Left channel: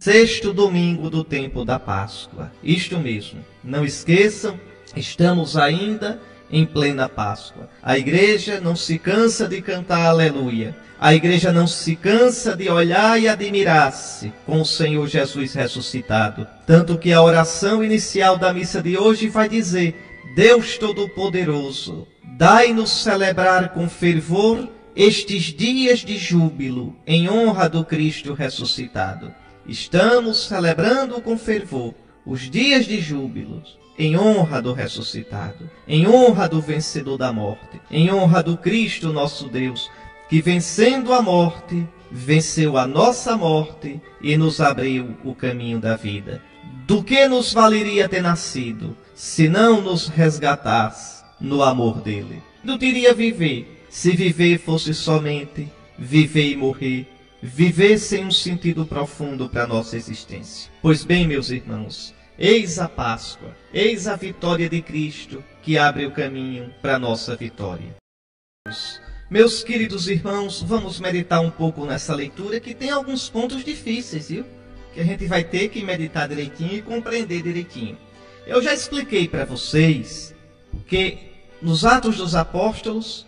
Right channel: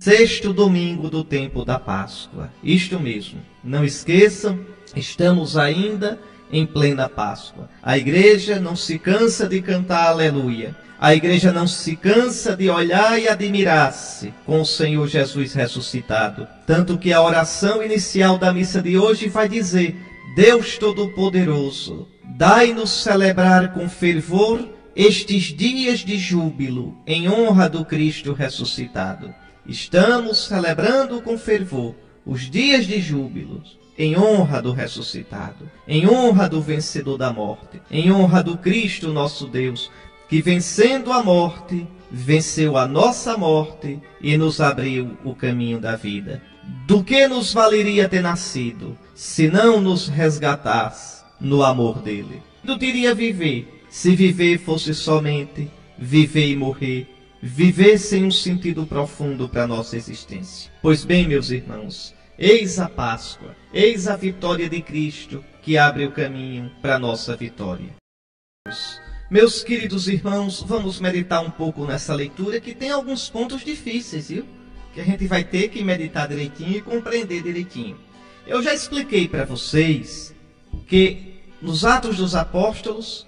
sexto domingo do tempo da Páscoa. Isto mesmo, não esqueçam, estamos ainda em plena Páscoa. A igreja não se cansa de cantar aleluia. A igreja não se cansa de olhar e admirar-se com o Senhor Jesus ressuscitado. Tanto que a oração inicial da missa de hoje vai dizer: Deus Todo-Poderoso, dai-nos celebrar com fervor estes dias de júbilo em honra do Cristo ressuscitado. Estamos celebrando com fervor os dias de júbilo em honra do ressuscitado, em honra do vencedor da morte, em honra do Cristo nosso Deus, que vencendo a morte, venceu a nossa morte e nos abriu o caminho da vida. Do que nos valeria ter nascido, se não nos resgatasse no amor dele? Não teria viver, se viver fosse somente viver e morrer, viver sem um sentido profundo para a nossa existência. Pois bem, meus irmãos, eis a Páscoa, eis a vitória de Cristo que abre o caminho para a nossa vitória. Meus queridos irmãos, vamos meditar um pouco nessa leitura que tem alguns pontos difíceis, viu? Que a gente vai ter que meditar direitinho e compreender direitinho. Eu já expliquei para vocês que nos Atos dos Apóstolos,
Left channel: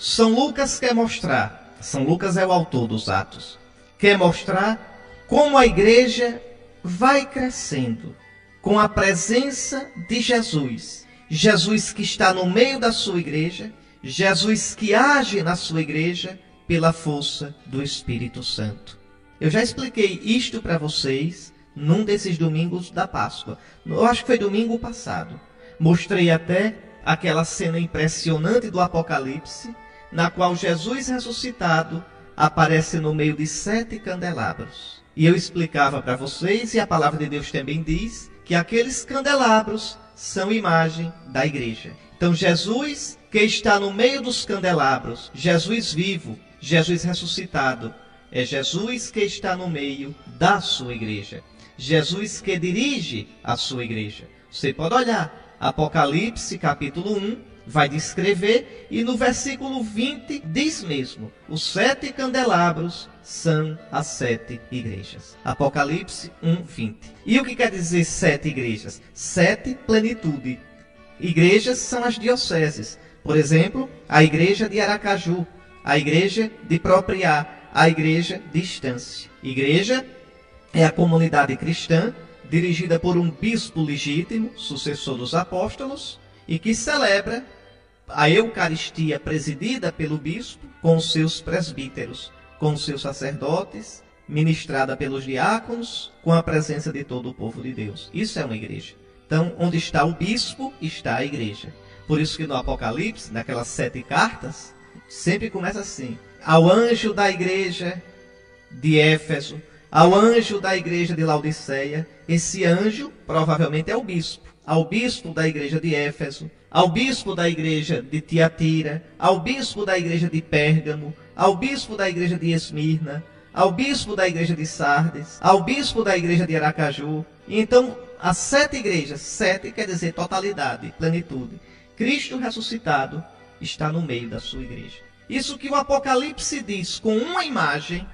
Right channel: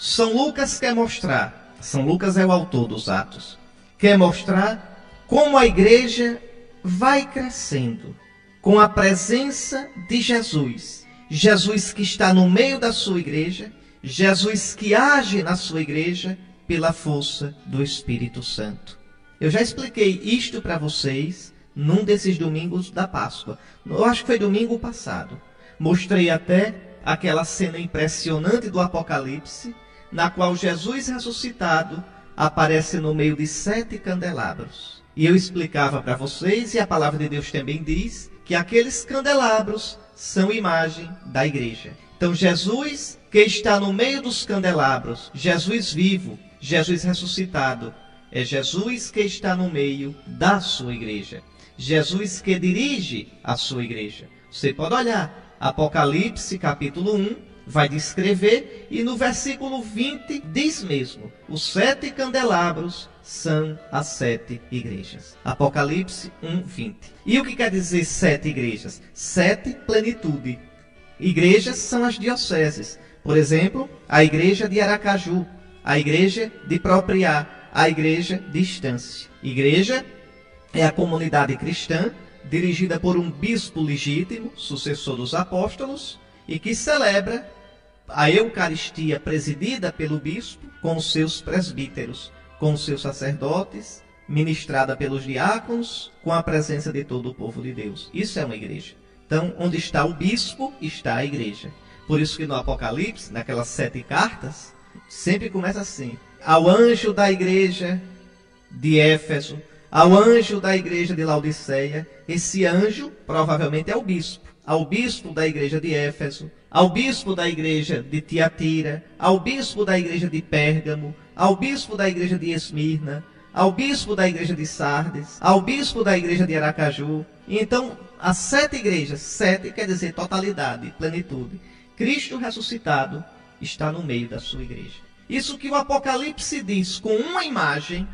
São Lucas quer mostrar, São Lucas é o autor dos Atos, quer mostrar como a igreja vai crescendo com a presença de Jesus. Jesus que está no meio da sua igreja, Jesus que age na sua igreja pela força do Espírito Santo. Eu já expliquei isto para vocês num desses domingos da Páscoa. Eu acho que foi domingo passado. Mostrei até aquela cena impressionante do Apocalipse, na qual Jesus ressuscitado aparece no meio de 7 candelabros. E eu explicava para vocês, e a palavra de Deus também diz, que aqueles candelabros são imagem da igreja. Então Jesus, que está no meio dos candelabros, Jesus vivo, Jesus ressuscitado, é Jesus que está no meio da sua igreja. Jesus que dirige a sua igreja. Você pode olhar, Apocalipse capítulo 1, vai descrever, e no versículo 20 diz mesmo: os 7 candelabros são as 7 igrejas. Apocalipse 1, 20. E o que quer dizer 7 igrejas? 7 plenitude. Igrejas são as dioceses. Por exemplo, a igreja de Aracaju, a igreja de Propriá, a igreja de Estância. Igreja é a comunidade cristã dirigida por um bispo legítimo, sucessor dos apóstolos, e que celebra a Eucaristia presidida pelo bispo com os seus presbíteros, com os seus sacerdotes, ministrada pelos diáconos, com a presença de todo o povo de Deus. Isso é uma igreja. Então, onde está o bispo, está a igreja. Por isso que no Apocalipse, naquelas 7 cartas, sempre começa assim: ao anjo da igreja de Éfeso, ao anjo da igreja de Laodiceia. Esse anjo provavelmente é o bispo. Ao bispo da igreja de Éfeso, ao bispo da igreja de Tiatira, ao bispo da igreja de Pérgamo, ao bispo da igreja de Esmirna, ao bispo da igreja de Sardes, ao bispo da igreja de Aracaju. Então, as 7 igrejas, 7 quer dizer totalidade, plenitude. Cristo ressuscitado está no meio da sua igreja. Isso que o Apocalipse diz com uma imagem,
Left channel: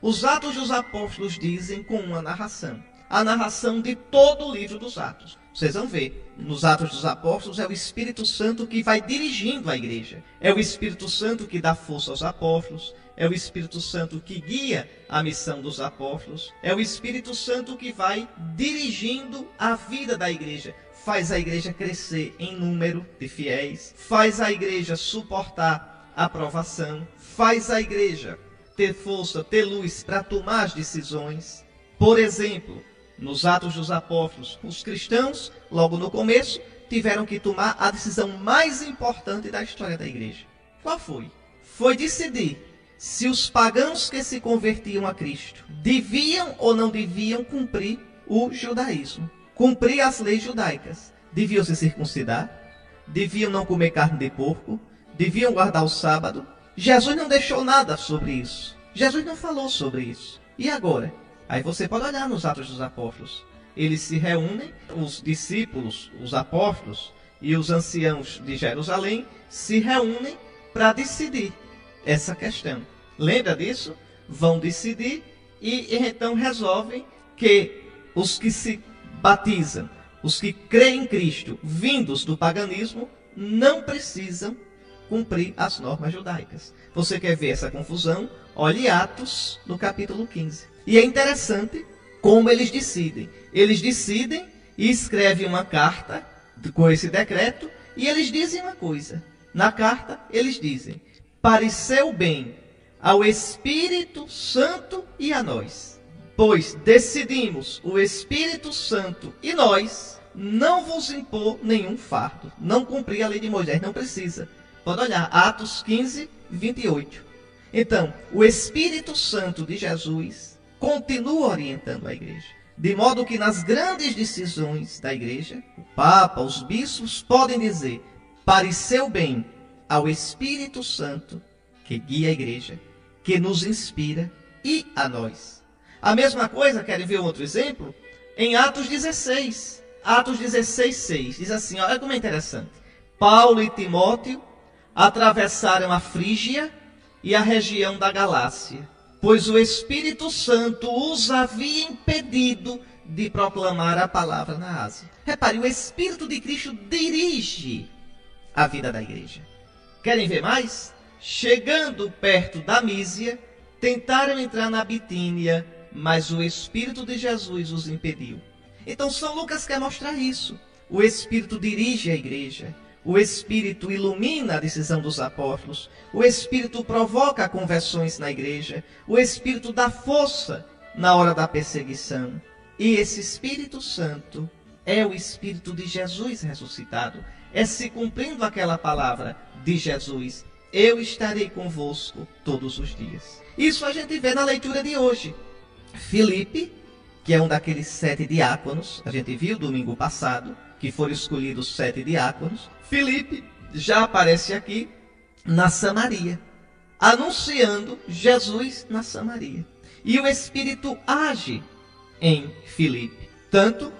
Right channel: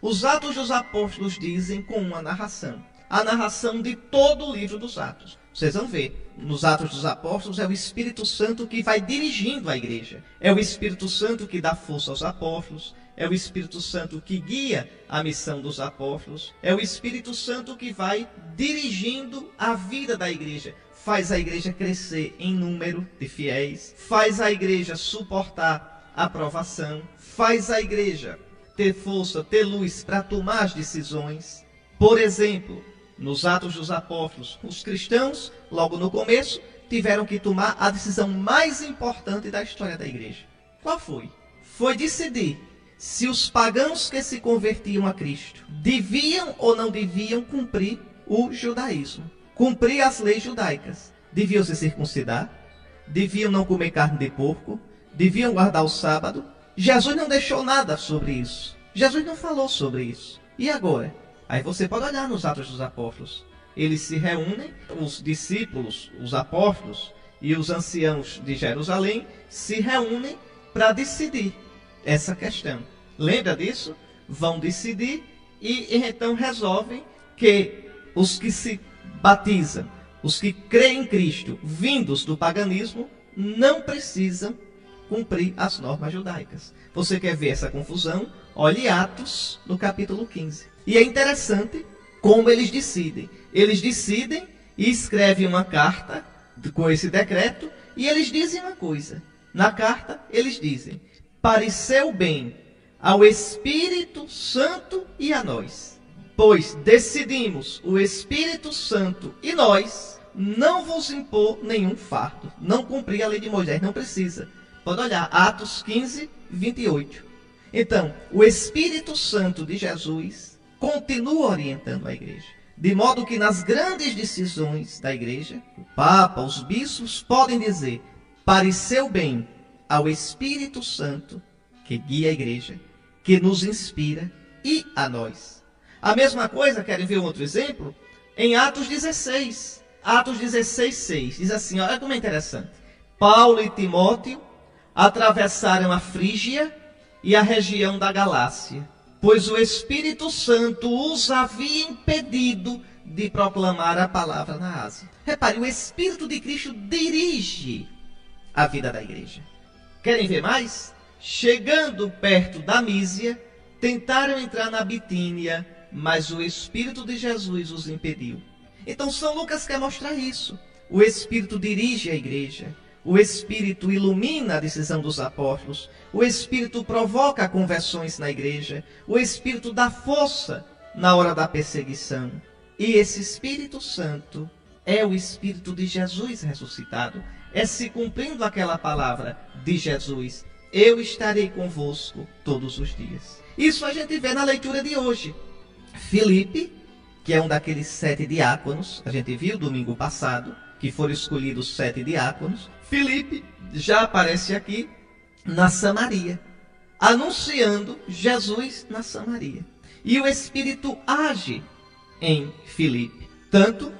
os Atos dos Apóstolos dizem com uma narração. A narração de todo o livro dos Atos. Vocês vão ver, nos Atos dos Apóstolos é o Espírito Santo que vai dirigindo a igreja. É o Espírito Santo que dá força aos apóstolos. É o Espírito Santo que guia a missão dos apóstolos. É o Espírito Santo que vai dirigindo a vida da igreja. Faz a igreja crescer em número de fiéis. Faz a igreja suportar a provação. Faz a igreja ter força, ter luz para tomar as decisões. Por exemplo, nos Atos dos Apóstolos, os cristãos, logo no começo, tiveram que tomar a decisão mais importante da história da igreja. Qual foi? Foi decidir se os pagãos que se convertiam a Cristo deviam ou não deviam cumprir o judaísmo, cumprir as leis judaicas. Deviam se circuncidar, deviam não comer carne de porco, deviam guardar o sábado. Jesus não deixou nada sobre isso. Jesus não falou sobre isso. E agora? Aí você pode olhar nos Atos dos Apóstolos. Eles se reúnem, os discípulos, os apóstolos e os anciãos de Jerusalém se reúnem para decidir essa questão. Lembra disso? Vão decidir e então resolvem que os que se batizam, os que creem em Cristo, vindos do paganismo, não precisam cumprir as normas judaicas. Você quer ver essa confusão? Olhe Atos, no capítulo 15. E é interessante como eles decidem. Eles decidem e escrevem uma carta com esse decreto, e eles dizem uma coisa. Na carta, eles dizem: pareceu bem ao Espírito Santo e a nós, pois decidimos, o Espírito Santo e nós, não vos impor nenhum fardo, não cumprir a lei de Moisés, não precisa. Pode olhar, Atos 15, 28. Então, o Espírito Santo de Jesus continua orientando a igreja, de modo que nas grandes decisões da igreja, o Papa, os bispos podem dizer: pareceu bem ao Espírito Santo, que guia a igreja, que nos inspira, e a nós. A mesma coisa, querem ver um outro exemplo? Em Atos 16. Atos 16, 6. Diz assim, olha como é interessante. Paulo e Timóteo atravessaram a Frígia e a região da Galácia, pois o Espírito Santo os havia impedido de proclamar a palavra na Ásia. Repare, o Espírito de Cristo dirige a vida da igreja. Querem ver mais? Chegando perto da Mísia, tentaram entrar na Bitínia, mas o Espírito de Jesus os impediu. Então São Lucas quer mostrar isso. O Espírito dirige a igreja. O Espírito ilumina a decisão dos apóstolos. O Espírito provoca conversões na igreja. O Espírito dá força na hora da perseguição. E esse Espírito Santo é o Espírito de Jesus ressuscitado. É se cumprindo aquela palavra de Jesus: eu estarei convosco todos os dias. Isso a gente vê na leitura de hoje. Filipe, que é um daqueles 7 diáconos, a gente viu domingo passado, que foram escolhidos 7 diáconos. Filipe já aparece aqui na Samaria, anunciando Jesus na Samaria. E o Espírito age em Filipe, tanto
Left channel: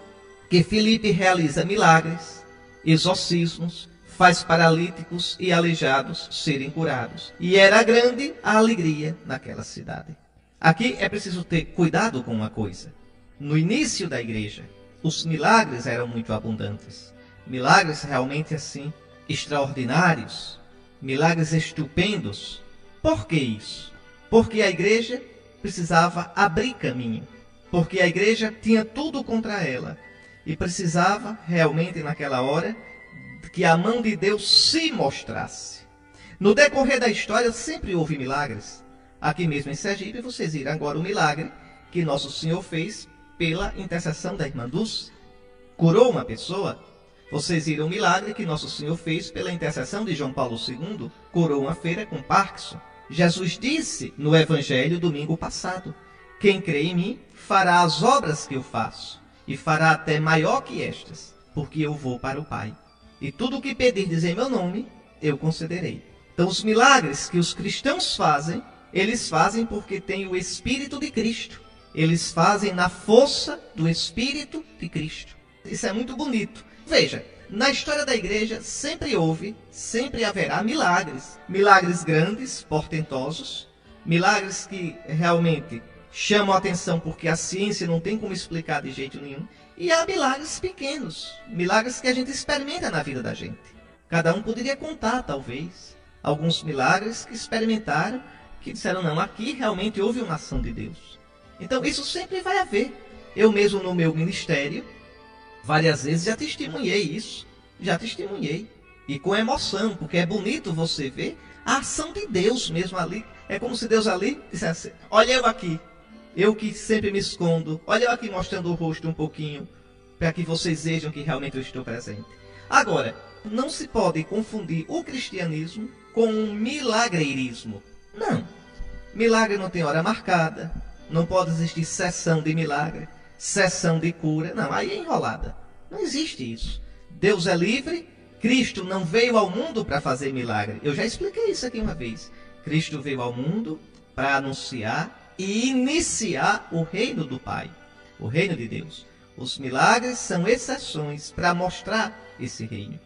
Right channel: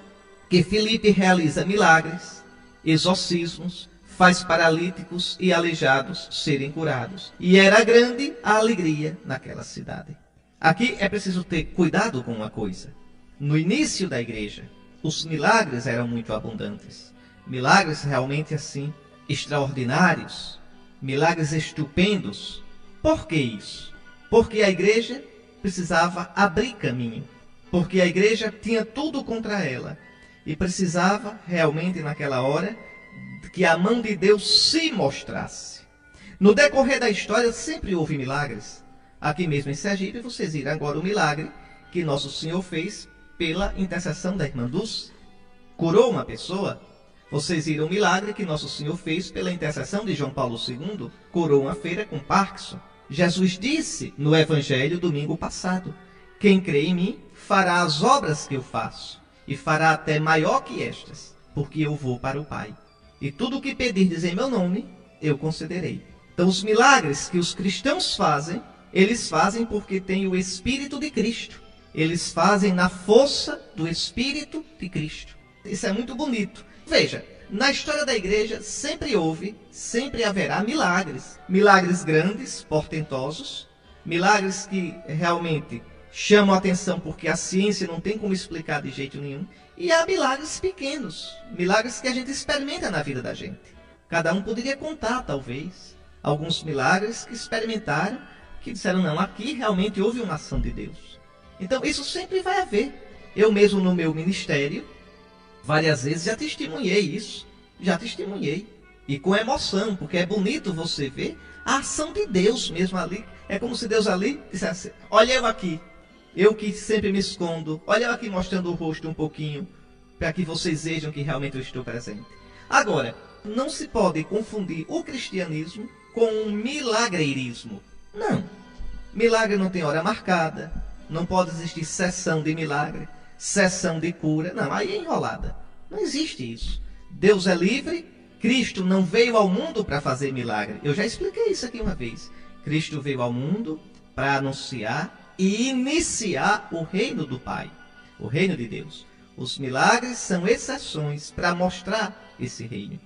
que Filipe realiza milagres, exorcismos, faz paralíticos e aleijados serem curados. E era grande a alegria naquela cidade. Aqui é preciso ter cuidado com uma coisa. No início da igreja, os milagres eram muito abundantes. Milagres realmente assim, extraordinários. Milagres estupendos. Por que isso? Porque a igreja precisava abrir caminho. Porque a igreja tinha tudo contra ela. E precisava realmente naquela hora que a mão de Deus se mostrasse. No decorrer da história sempre houve milagres. Aqui mesmo em Sergipe vocês viram agora o milagre que Nosso Senhor fez pela intercessão da irmã Dulce. Curou uma pessoa. Vocês viram o milagre que Nosso Senhor fez pela intercessão de João Paulo II. Curou uma feira com Parkinson. Jesus disse no Evangelho domingo passado: quem crê em mim fará as obras que eu faço, e fará até maior que estas, porque eu vou para o Pai. E tudo o que pedirdes em meu nome, eu concederei. Então os milagres que os cristãos fazem, eles fazem porque têm o Espírito de Cristo. Eles fazem na força do Espírito de Cristo. Isso é muito bonito. Veja, na história da igreja sempre houve, sempre haverá milagres. Milagres grandes, portentosos. Milagres que realmente chamam a atenção porque a ciência não tem como explicar de jeito nenhum. E há milagres pequenos, milagres que a gente experimenta na vida da gente. Cada um poderia contar, talvez, alguns milagres que experimentaram, que disseram, não, aqui realmente houve uma ação de Deus. Então isso sempre vai haver. Eu mesmo no meu ministério, várias vezes já testemunhei isso. Já testemunhei. E com emoção, porque é bonito você ver a ação de Deus mesmo ali. É como se Deus ali dissesse, olha eu aqui. Eu que sempre me escondo. Olha eu aqui mostrando o rosto um pouquinho, para que vocês vejam que realmente eu estou presente. Agora, não se pode confundir o cristianismo com um milagreirismo. Não. Milagre não tem hora marcada. Não pode existir sessão de milagre, sessão de cura. Não, aí é enrolada. Não existe isso. Deus é livre. Cristo não veio ao mundo para fazer milagre. Eu já expliquei isso aqui uma vez. Cristo veio ao mundo para anunciar e iniciar o reino do Pai, o reino de Deus. Os milagres são exceções para mostrar esse reino,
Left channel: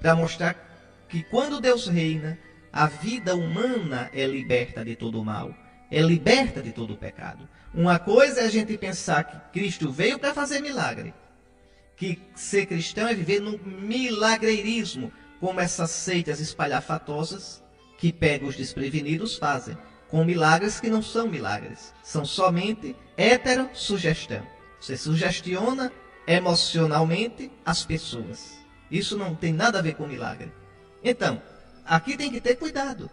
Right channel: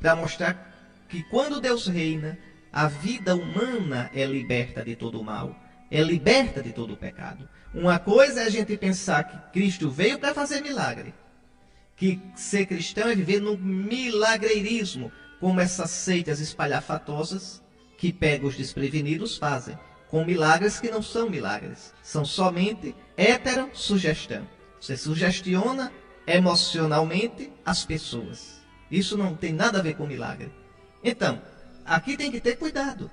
para mostrar que quando Deus reina, a vida humana é liberta de todo o mal. é liberta de todo o pecado. Uma coisa é a gente pensar que Cristo veio para fazer milagre, que ser cristão é viver no milagreirismo, como essas seitas espalhafatosas que pegam os desprevenidos fazem, com milagres que não são milagres, são somente heterossugestão. Você sugestiona emocionalmente as pessoas. Isso não tem nada a ver com milagre. Então, aqui tem que ter cuidado.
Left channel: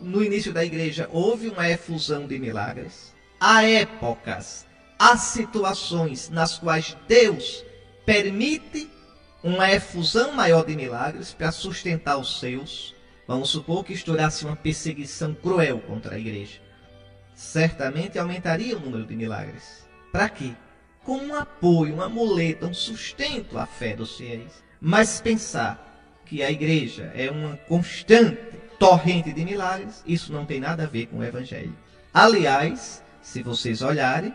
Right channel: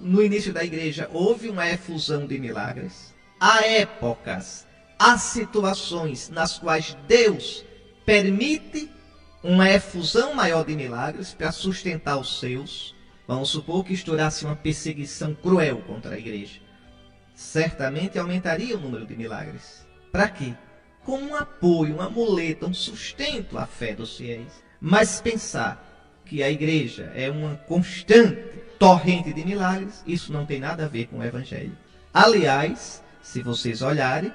No início da igreja houve uma efusão de milagres. Há épocas, há situações nas quais Deus permite uma efusão maior de milagres para sustentar os seus. Vamos supor que estourasse uma perseguição cruel contra a igreja. Certamente aumentaria o número de milagres. Para quê? Como um apoio, uma muleta, um sustento à fé dos fiéis. Mas pensar que a igreja é uma constante torrente de milagres, isso não tem nada a ver com o evangelho. Aliás, se vocês olharem,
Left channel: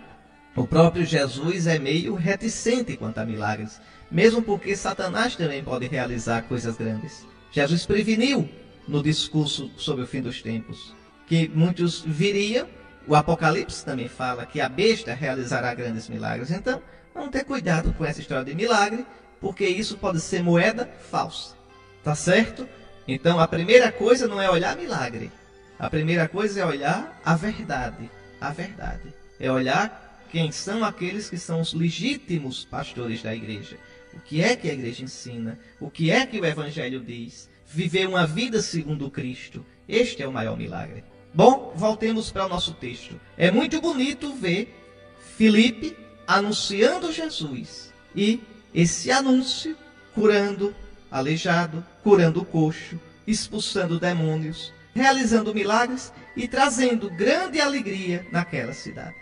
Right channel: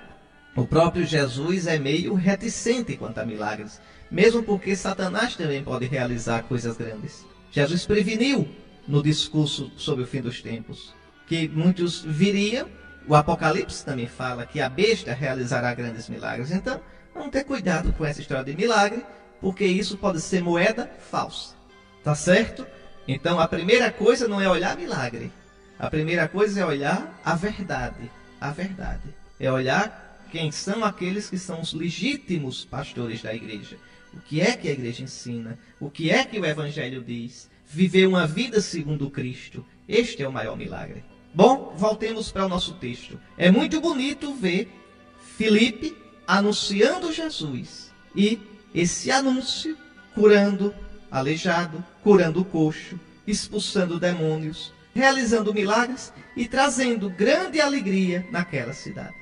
o próprio Jesus é meio reticente quanto a milagres, mesmo porque Satanás também pode realizar coisas grandes. Jesus preveniu no discurso sobre o fim dos tempos que muitos viriam. O Apocalipse também fala que a besta realizará grandes milagres. Então, vamos ter cuidado com essa história de milagre, porque isso pode ser moeda falsa. Tá certo? Então, a primeira coisa não é olhar milagre. A primeira coisa é olhar a verdade. A verdade. É olhar quem são aqueles que são os legítimos pastores da igreja. O que é que a igreja ensina? O que é que o evangelho diz? Viver uma vida segundo Cristo. Este é o maior milagre. Bom, voltemos para o nosso texto. É muito bonito ver Filipe anunciando Jesus. E esse anúncio curando aleijado, curando coxo, expulsando demônios, realizando milagres e trazendo grande alegria naquela cidade.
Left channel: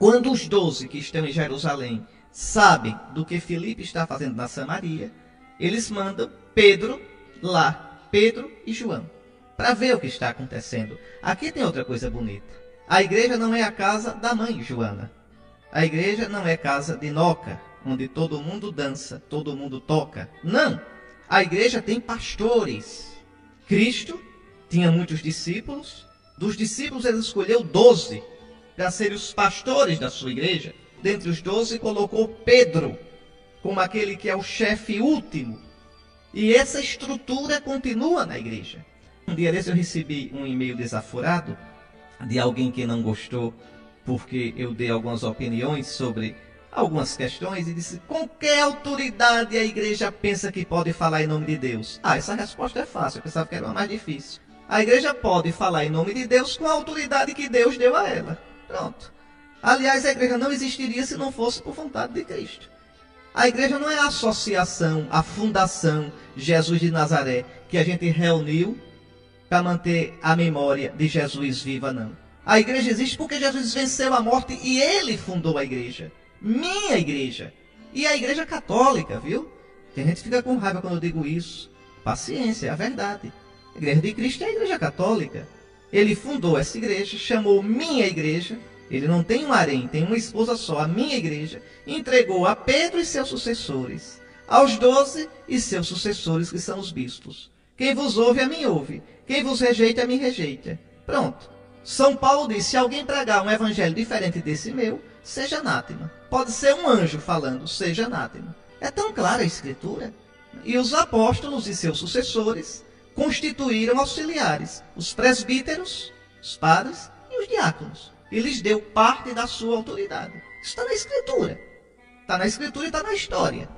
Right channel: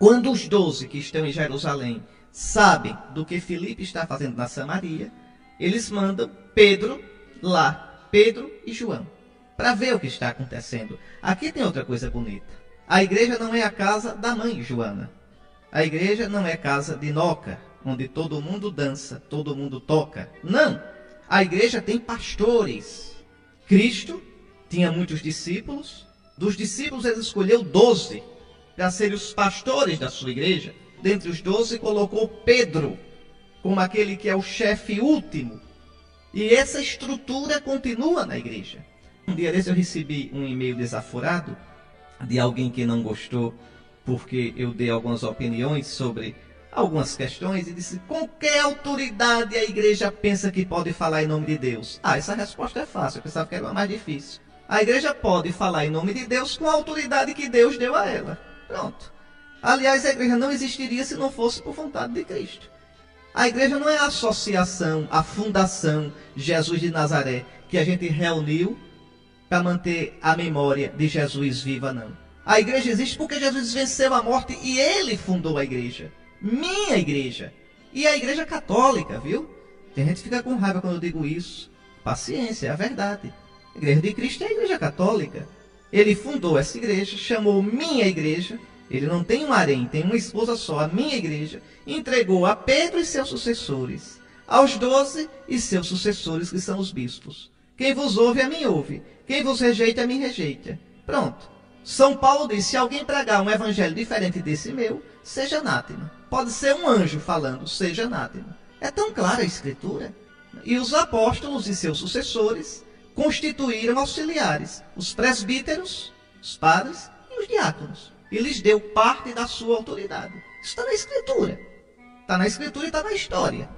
Quando os 12 que estão em Jerusalém sabem do que Filipe está fazendo na Samaria, eles mandam Pedro lá, Pedro e João, para ver o que está acontecendo. Aqui tem outra coisa bonita. A igreja não é a casa da mãe Joana. A igreja não é casa de Noca, onde todo mundo dança, todo mundo toca. Não! A igreja tem pastores. Cristo tinha muitos discípulos. Dos discípulos ele escolheu 12 para serem os pastores da sua igreja. Dentre os 12 colocou Pedro como aquele que é o chefe último. E essa estrutura continua na igreja. Um dia desse eu recebi um e-mail desaforado de alguém que não gostou porque eu dei algumas opiniões sobre algumas questões e disse: com que autoridade a igreja pensa que pode falar em nome de Deus? Essa resposta é fácil, eu pensava que era uma mais difícil. A igreja pode falar em nome de Deus com a autoridade que Deus deu a ela. Pronto. Aliás, a igreja não existiria se não fosse por vontade de Cristo. A igreja não é a associação, a fundação Jesus de Nazaré, que a gente reuniu para manter a memória de Jesus viva, não. A igreja existe porque Jesus venceu a morte e ele fundou a igreja. Minha igreja. E a igreja católica, viu? Tem gente que fica com raiva quando eu digo isso. Paciência, é a verdade. A igreja de Cristo é a igreja católica. Ele fundou essa igreja, chamou minha igreja. Ele não tem um harém, tem uma esposa só, a minha igreja. Entregou a Pedro e seus sucessores, aos 12 e seus sucessores, que são os bispos. Quem vos ouve, a mim ouve. Quem vos rejeita, a mim rejeita. Pronto. São Paulo diz: se alguém pregar um evangelho diferente desse meu, seja anátema. Pode ser um anjo falando, seja anátema. É tão clara a escritura. E os apóstolos e seus sucessores constituíram auxiliares, os presbíteros, os padres e os diáconos. E lhes deu parte da sua autoridade. Isso está na escritura. Está na escritura e está na história.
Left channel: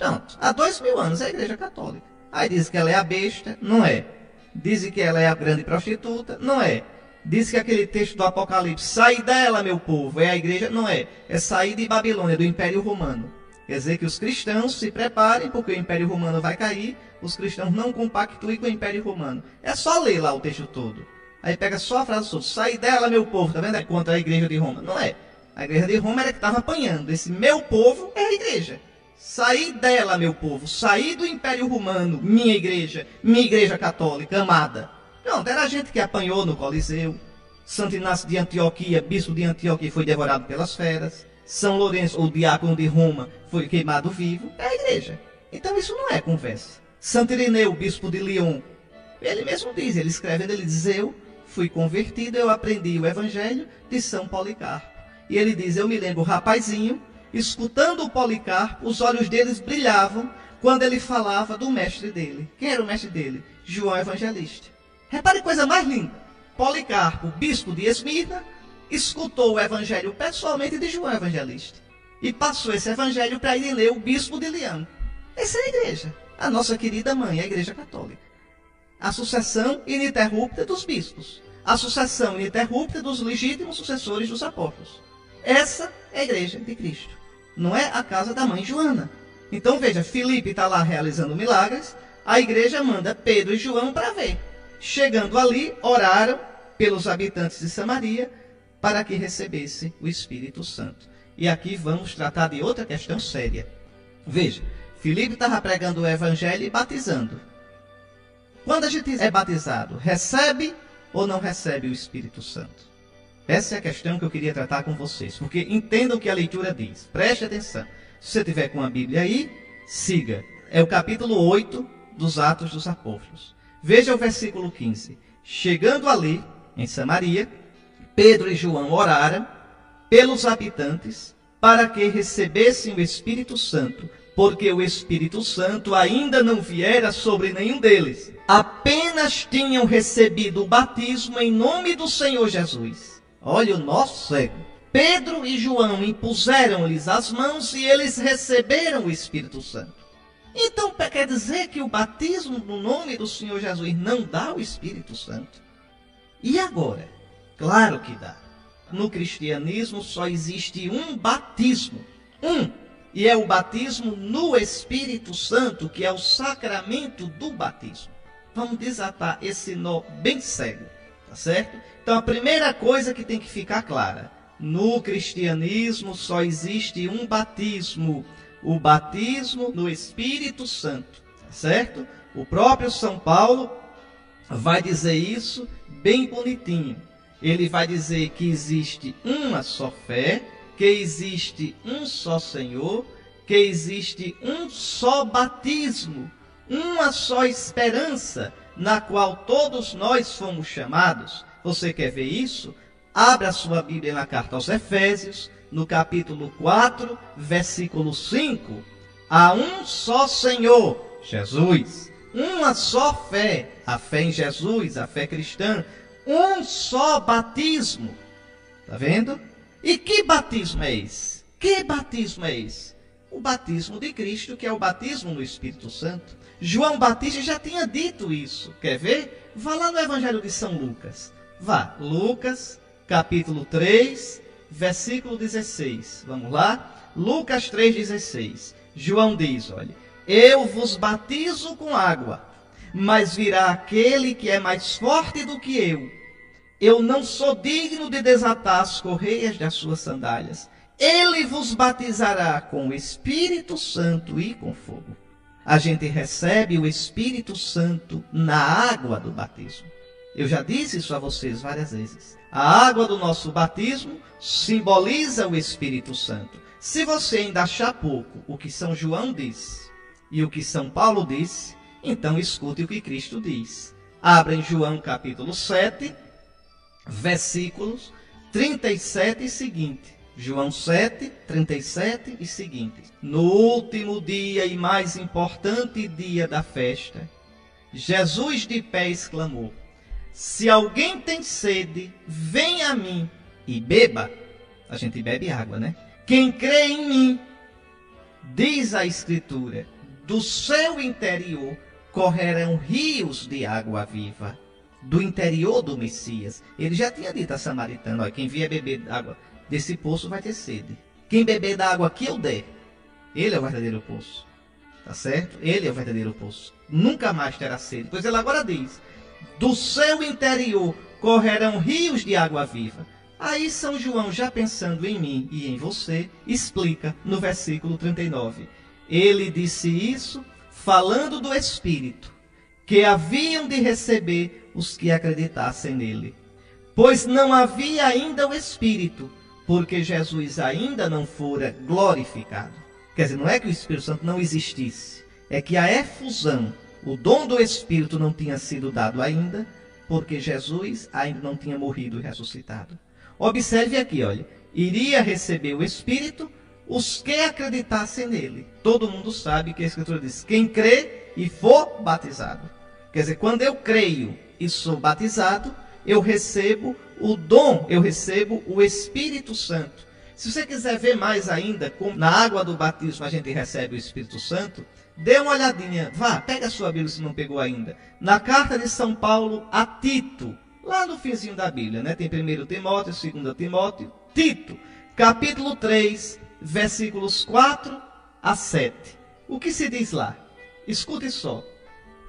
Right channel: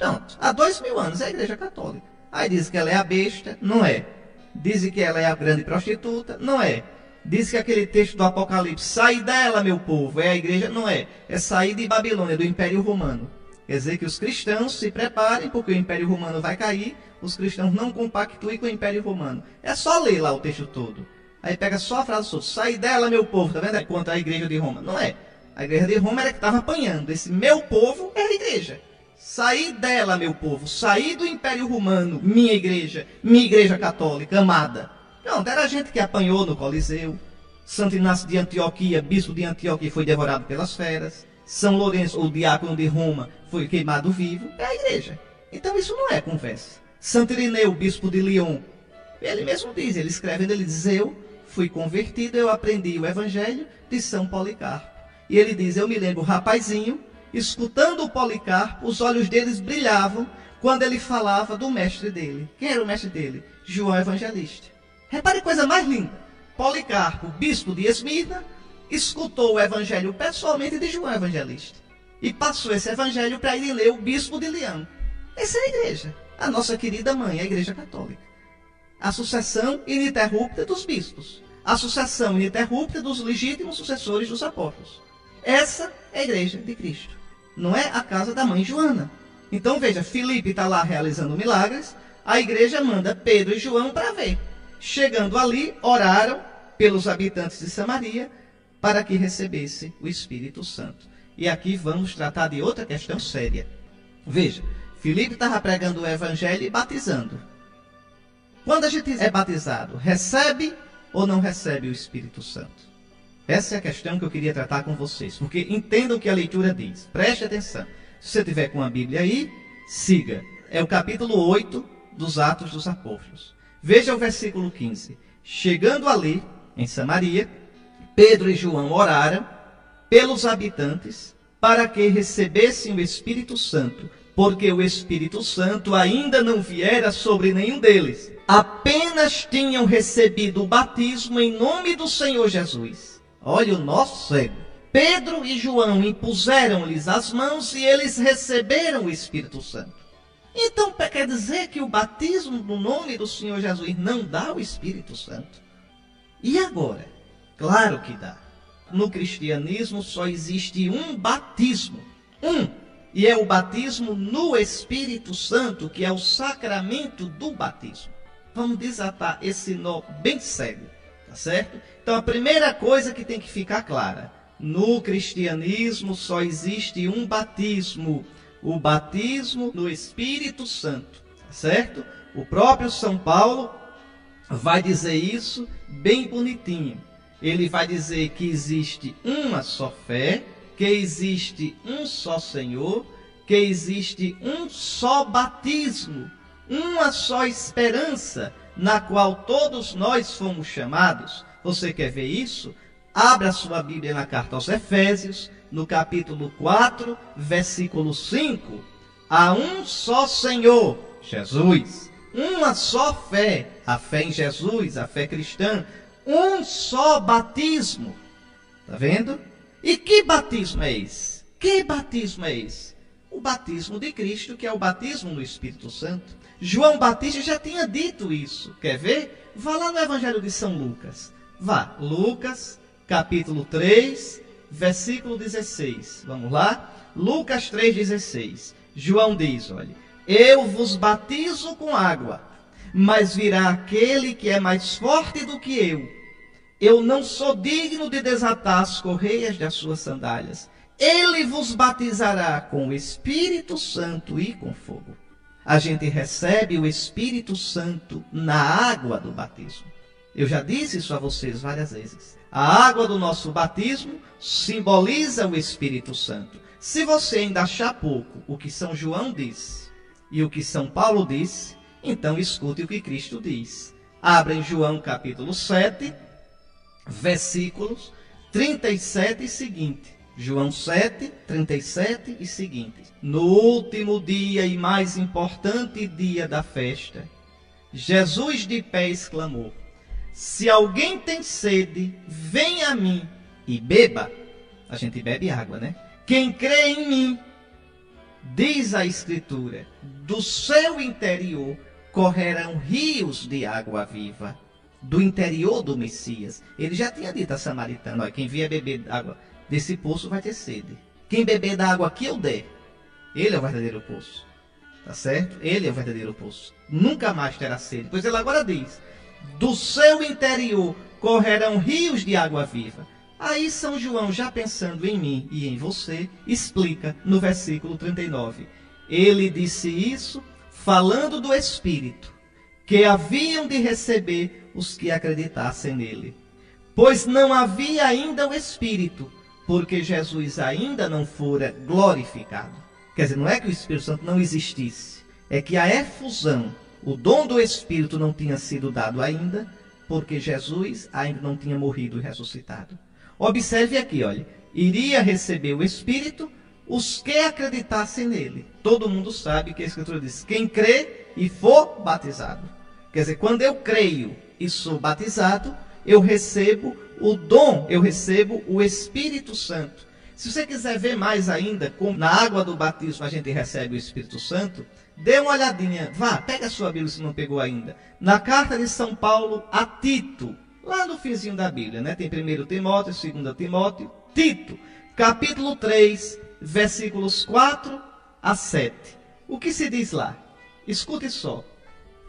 Pronto. Há 2000 anos é a igreja católica. Aí diz que ela é a besta, não é. Diz que ela é a grande prostituta, não é. Diz que aquele texto do Apocalipse, sai dela, meu povo, é a igreja, não é. É sair de Babilônia, do Império Romano. Quer dizer que os cristãos se preparem, porque o Império Romano vai cair, os cristãos não compactuem com o Império Romano. É só ler lá o texto todo. Aí pega só a frase solta, sai dela, meu povo, tá vendo? É contra a igreja de Roma. Não é. A igreja de Roma era que estava apanhando. Esse meu povo é a igreja. Saí dela, meu povo, saí do Império Romano, minha igreja católica, amada. Pronto, era a gente que apanhou no Coliseu. Santo Inácio de Antioquia, bispo de Antioquia, foi devorado pelas feras. São Lourenço, o diácono de Roma, foi queimado vivo. É a igreja. Então isso não é conversa. Santo Irineu, bispo de Lyon, ele mesmo diz, ele escrevendo, ele diz: eu fui convertido, eu aprendi o evangelho de São Policarpo. E ele diz, eu me lembro, rapazinho, escutando o Policarpo, os olhos deles brilhavam quando ele falava do mestre dele. Quem era o mestre dele? João Evangelista. Repare que coisa mais linda. Policarpo, bispo de Esmirna, escutou o evangelho pessoalmente de João Evangelista. E passou esse evangelho para ir ler o bispo de Leão. Essa é a igreja. A nossa querida mãe, a Igreja Católica. A sucessão ininterrupta dos bispos. A sucessão ininterrupta dos legítimos sucessores dos apóstolos. Essa é a igreja de Cristo. Não é a casa da mãe Joana. Então veja, Filipe está lá realizando milagres. A igreja manda Pedro e João para ver. Chegando ali, oraram pelos habitantes de Samaria para que recebesse o Espírito Santo. E aqui vamos tratar de outra questão séria. Veja, Filipe estava pregando o evangelho e batizando. Quando a gente é batizado, recebe ou não recebe o Espírito Santo? Essa é a questão que eu queria tratar com vocês, porque entendam o que a leitura diz. Preste atenção. Se você tiver com a Bíblia aí, siga. É o capítulo 8 dos Atos dos Apóstolos. Veja o versículo 15. Chegando ali, em Samaria, Pedro e João oraram pelos habitantes para que recebessem o Espírito Santo, porque o Espírito Santo ainda não viera sobre nenhum deles. Apenas tinham recebido o batismo em nome do Senhor Jesus. Olha o nosso cego. Pedro e João impuseram-lhes as mãos e eles receberam o Espírito Santo. Então quer dizer que o batismo no nome do Senhor Jesus não dá o Espírito Santo? E agora? Claro que dá. No cristianismo só existe um batismo. E é o batismo no Espírito Santo, que é o sacramento do batismo. Vamos desatar esse nó bem cego, tá certo? Então a primeira coisa que tem que ficar clara. No cristianismo só existe um batismo. O batismo no Espírito Santo, tá certo? O próprio São Paulo vai dizer isso bem bonitinho. Ele vai dizer que existe uma só fé, que existe um só Senhor, que existe um só batismo, uma só esperança, na qual todos nós fomos chamados. Você quer ver isso? Abra sua Bíblia na carta aos Efésios, no capítulo 4, versículo 5. Há um só Senhor, Jesus. Uma só fé, a fé em Jesus, a fé cristã. Um só batismo. Está vendo? E que batismo é esse? Que batismo é esse? O batismo de Cristo, que é o batismo no Espírito Santo. João Batista já tinha dito isso. Quer ver? Vá lá no Evangelho de São Lucas. Vá, Lucas, capítulo 3, versículo 16. Vamos lá? Lucas 3,16. João diz, olha, eu vos batizo com água, mas virá aquele que é mais forte do que eu. Eu não sou digno de desatar as correias das suas sandálias. Ele vos batizará com o Espírito Santo e com fogo. A gente recebe o Espírito Santo na água do batismo. Eu já disse isso a vocês várias vezes. A água do nosso batismo simboliza o Espírito Santo. Se você ainda achar pouco o que São João disse e o que São Paulo disse, então escute o que Cristo diz. Abra em João capítulo 7, versículos 37 e seguinte. João 7, 37 e seguinte. No último dia e mais importante dia da festa, Jesus de pé exclamou: se alguém tem sede, venha a mim e beba. A gente bebe água, né? Quem crê em mim, diz a Escritura, do seu interior correrão rios de água viva. Do interior do Messias. Ele já tinha dito a samaritano, olha, quem vier beber água desse poço vai ter sede. Quem beber da água que eu der, ele é o verdadeiro poço. Tá certo? Ele é o verdadeiro poço. Nunca mais terá sede. Pois ele agora diz, do seu interior correrão rios de água viva. Aí São João, já pensando em mim e em você, explica no versículo 39. Ele disse isso falando do Espírito, que haviam de receber os que acreditassem nele. Pois não havia ainda o Espírito, porque Jesus ainda não fora glorificado. Quer dizer, não é que o Espírito Santo não existisse, é que a efusão, o dom do Espírito não tinha sido dado ainda, porque Jesus ainda não tinha morrido e ressuscitado. Observe aqui, olha. Iria receber o Espírito os que acreditassem nele. Todo mundo sabe que a Escritura diz, quem crê e for batizado. Quer dizer, quando eu creio e sou batizado, eu recebo o dom, eu recebo o Espírito Santo. Se você quiser ver mais ainda, como na água do batismo a gente recebe o Espírito Santo, dê uma olhadinha, vá, pega a sua Bíblia se não pegou ainda. Na carta de São Paulo a Tito, lá no finzinho da Bíblia, né? Tem 1 Timóteo, 2 Timóteo, Tito, capítulo 3, versículos 4 a 7. O que se diz lá? Escute só.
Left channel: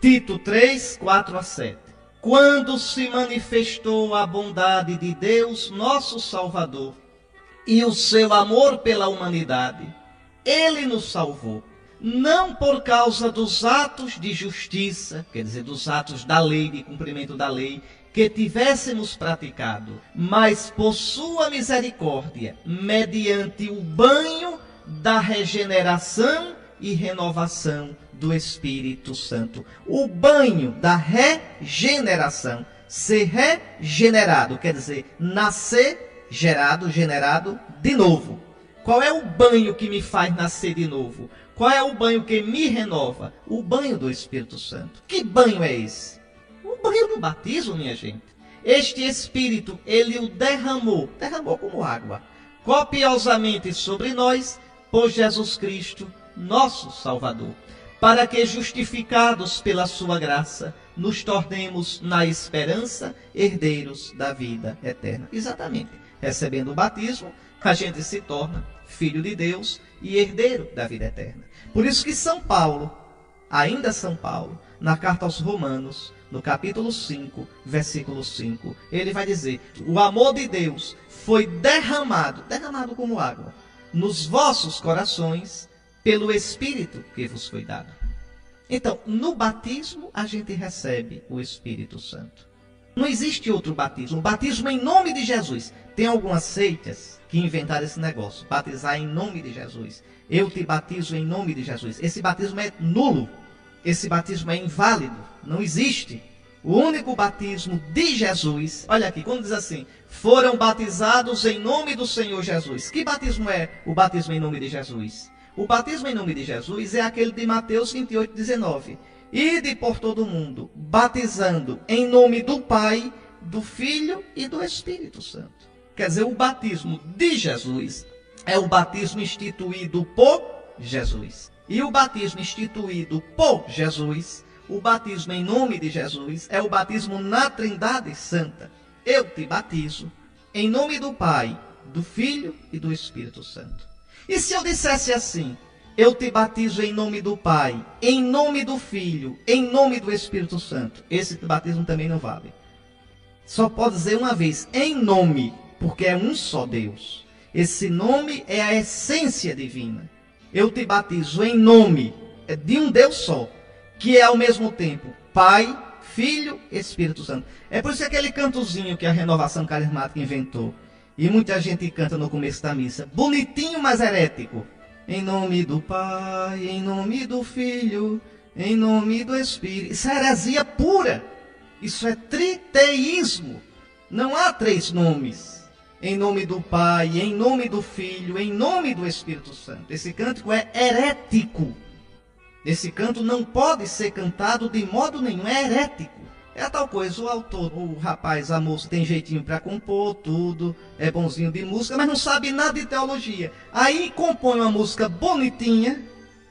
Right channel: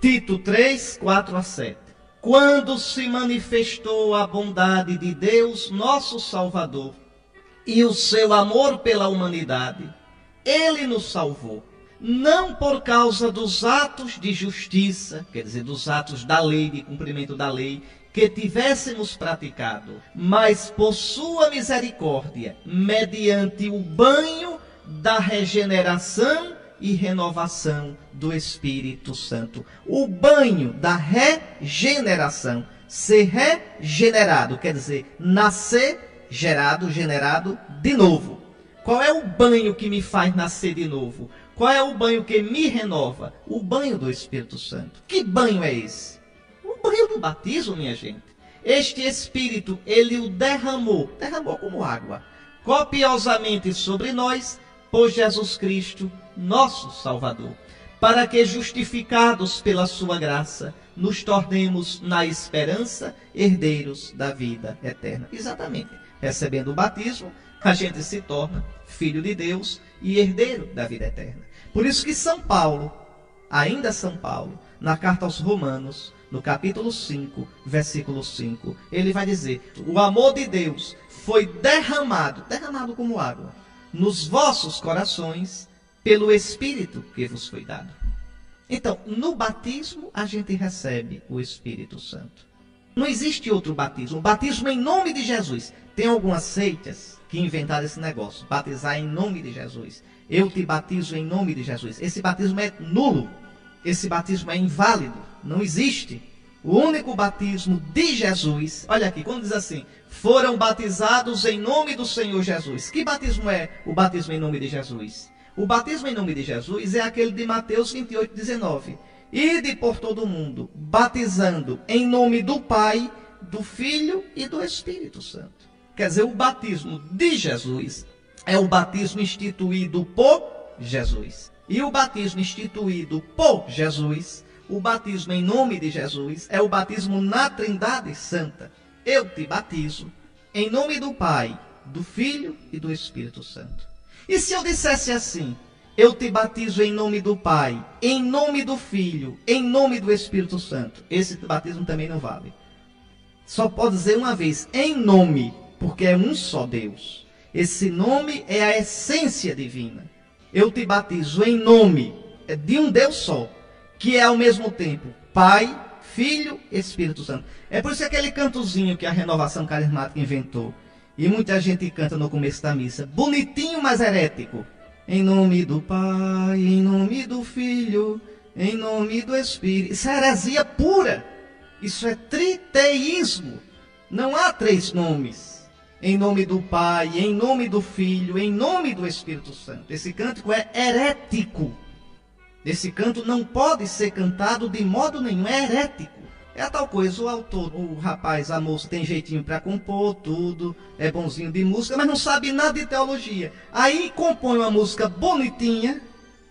Tito 3, 4 a 7. Quando se manifestou a bondade de Deus, nosso Salvador, e o seu amor pela humanidade, ele nos salvou, não por causa dos atos de justiça, quer dizer, dos atos da lei, de cumprimento da lei, que tivéssemos praticado, mas por sua misericórdia, mediante o banho da regeneração e renovação do Espírito Santo. O banho da regeneração. Ser regenerado, quer dizer, nascer, generado de novo. Qual é o banho que me faz nascer de novo? Qual é o banho que me renova? O banho do Espírito Santo. Que banho é esse? O banho do batismo, minha gente. Este Espírito, ele o derramou como água, copiosamente sobre nós, por Jesus Cristo, nosso Salvador, para que, justificados pela sua graça, nos tornemos, na esperança, herdeiros da vida eterna. Exatamente. Recebendo o batismo, a gente se torna filho de Deus e herdeiro da vida eterna. Por isso que São Paulo, ainda São Paulo, na carta aos Romanos, no capítulo 5, versículo 5, ele vai dizer, o amor de Deus foi derramado como água, nos vossos corações, pelo Espírito que vos foi dado. Então, no batismo, a gente recebe o Espírito Santo. Não existe outro batismo. O batismo em nome de Jesus. Tem algumas seitas que inventaram esse negócio, batizar em nome de Jesus. Eu te batizo em nome de Jesus. Esse batismo é nulo. Esse batismo é inválido. Não existe. O único batismo de Jesus, olha aqui, quando diz assim, foram batizados em nome do Senhor Jesus. Que batismo é o batismo em nome de Jesus? O batismo em nome de Jesus é aquele de Mateus 28, 19. Ide por todo o mundo, batizando em nome do Pai, do Filho e do Espírito Santo. Quer dizer, o batismo de Jesus é o batismo instituído por Jesus. E o batismo instituído por Jesus, o batismo em nome de Jesus, é o batismo na Trindade Santa. Eu te batizo em nome do Pai, do Filho e do Espírito Santo. E se eu dissesse assim, eu te batizo em nome do Pai, em nome do Filho, em nome do Espírito Santo, esse batismo também não vale. Só pode dizer uma vez, em nome, porque é um só Deus. Esse nome é a essência divina. Eu te batizo em nome de um Deus só, que é ao mesmo tempo Pai, Filho e Espírito Santo. É por isso que aquele cantozinho que a Renovação Carismática inventou, e muita gente canta no começo da missa, bonitinho, mas herético. Em nome do Pai, em nome do Filho, em nome do Espírito. Isso é heresia pura. Isso é triteísmo. Não há três nomes. Em nome do Pai, em nome do Filho, em nome do Espírito Santo. Esse cântico é herético. Esse canto não pode ser cantado de modo nenhum, é herético. É a tal coisa, o autor, o rapaz, a moça tem jeitinho para compor tudo, é bonzinho de música, mas não sabe nada de teologia. Aí compõe uma música bonitinha,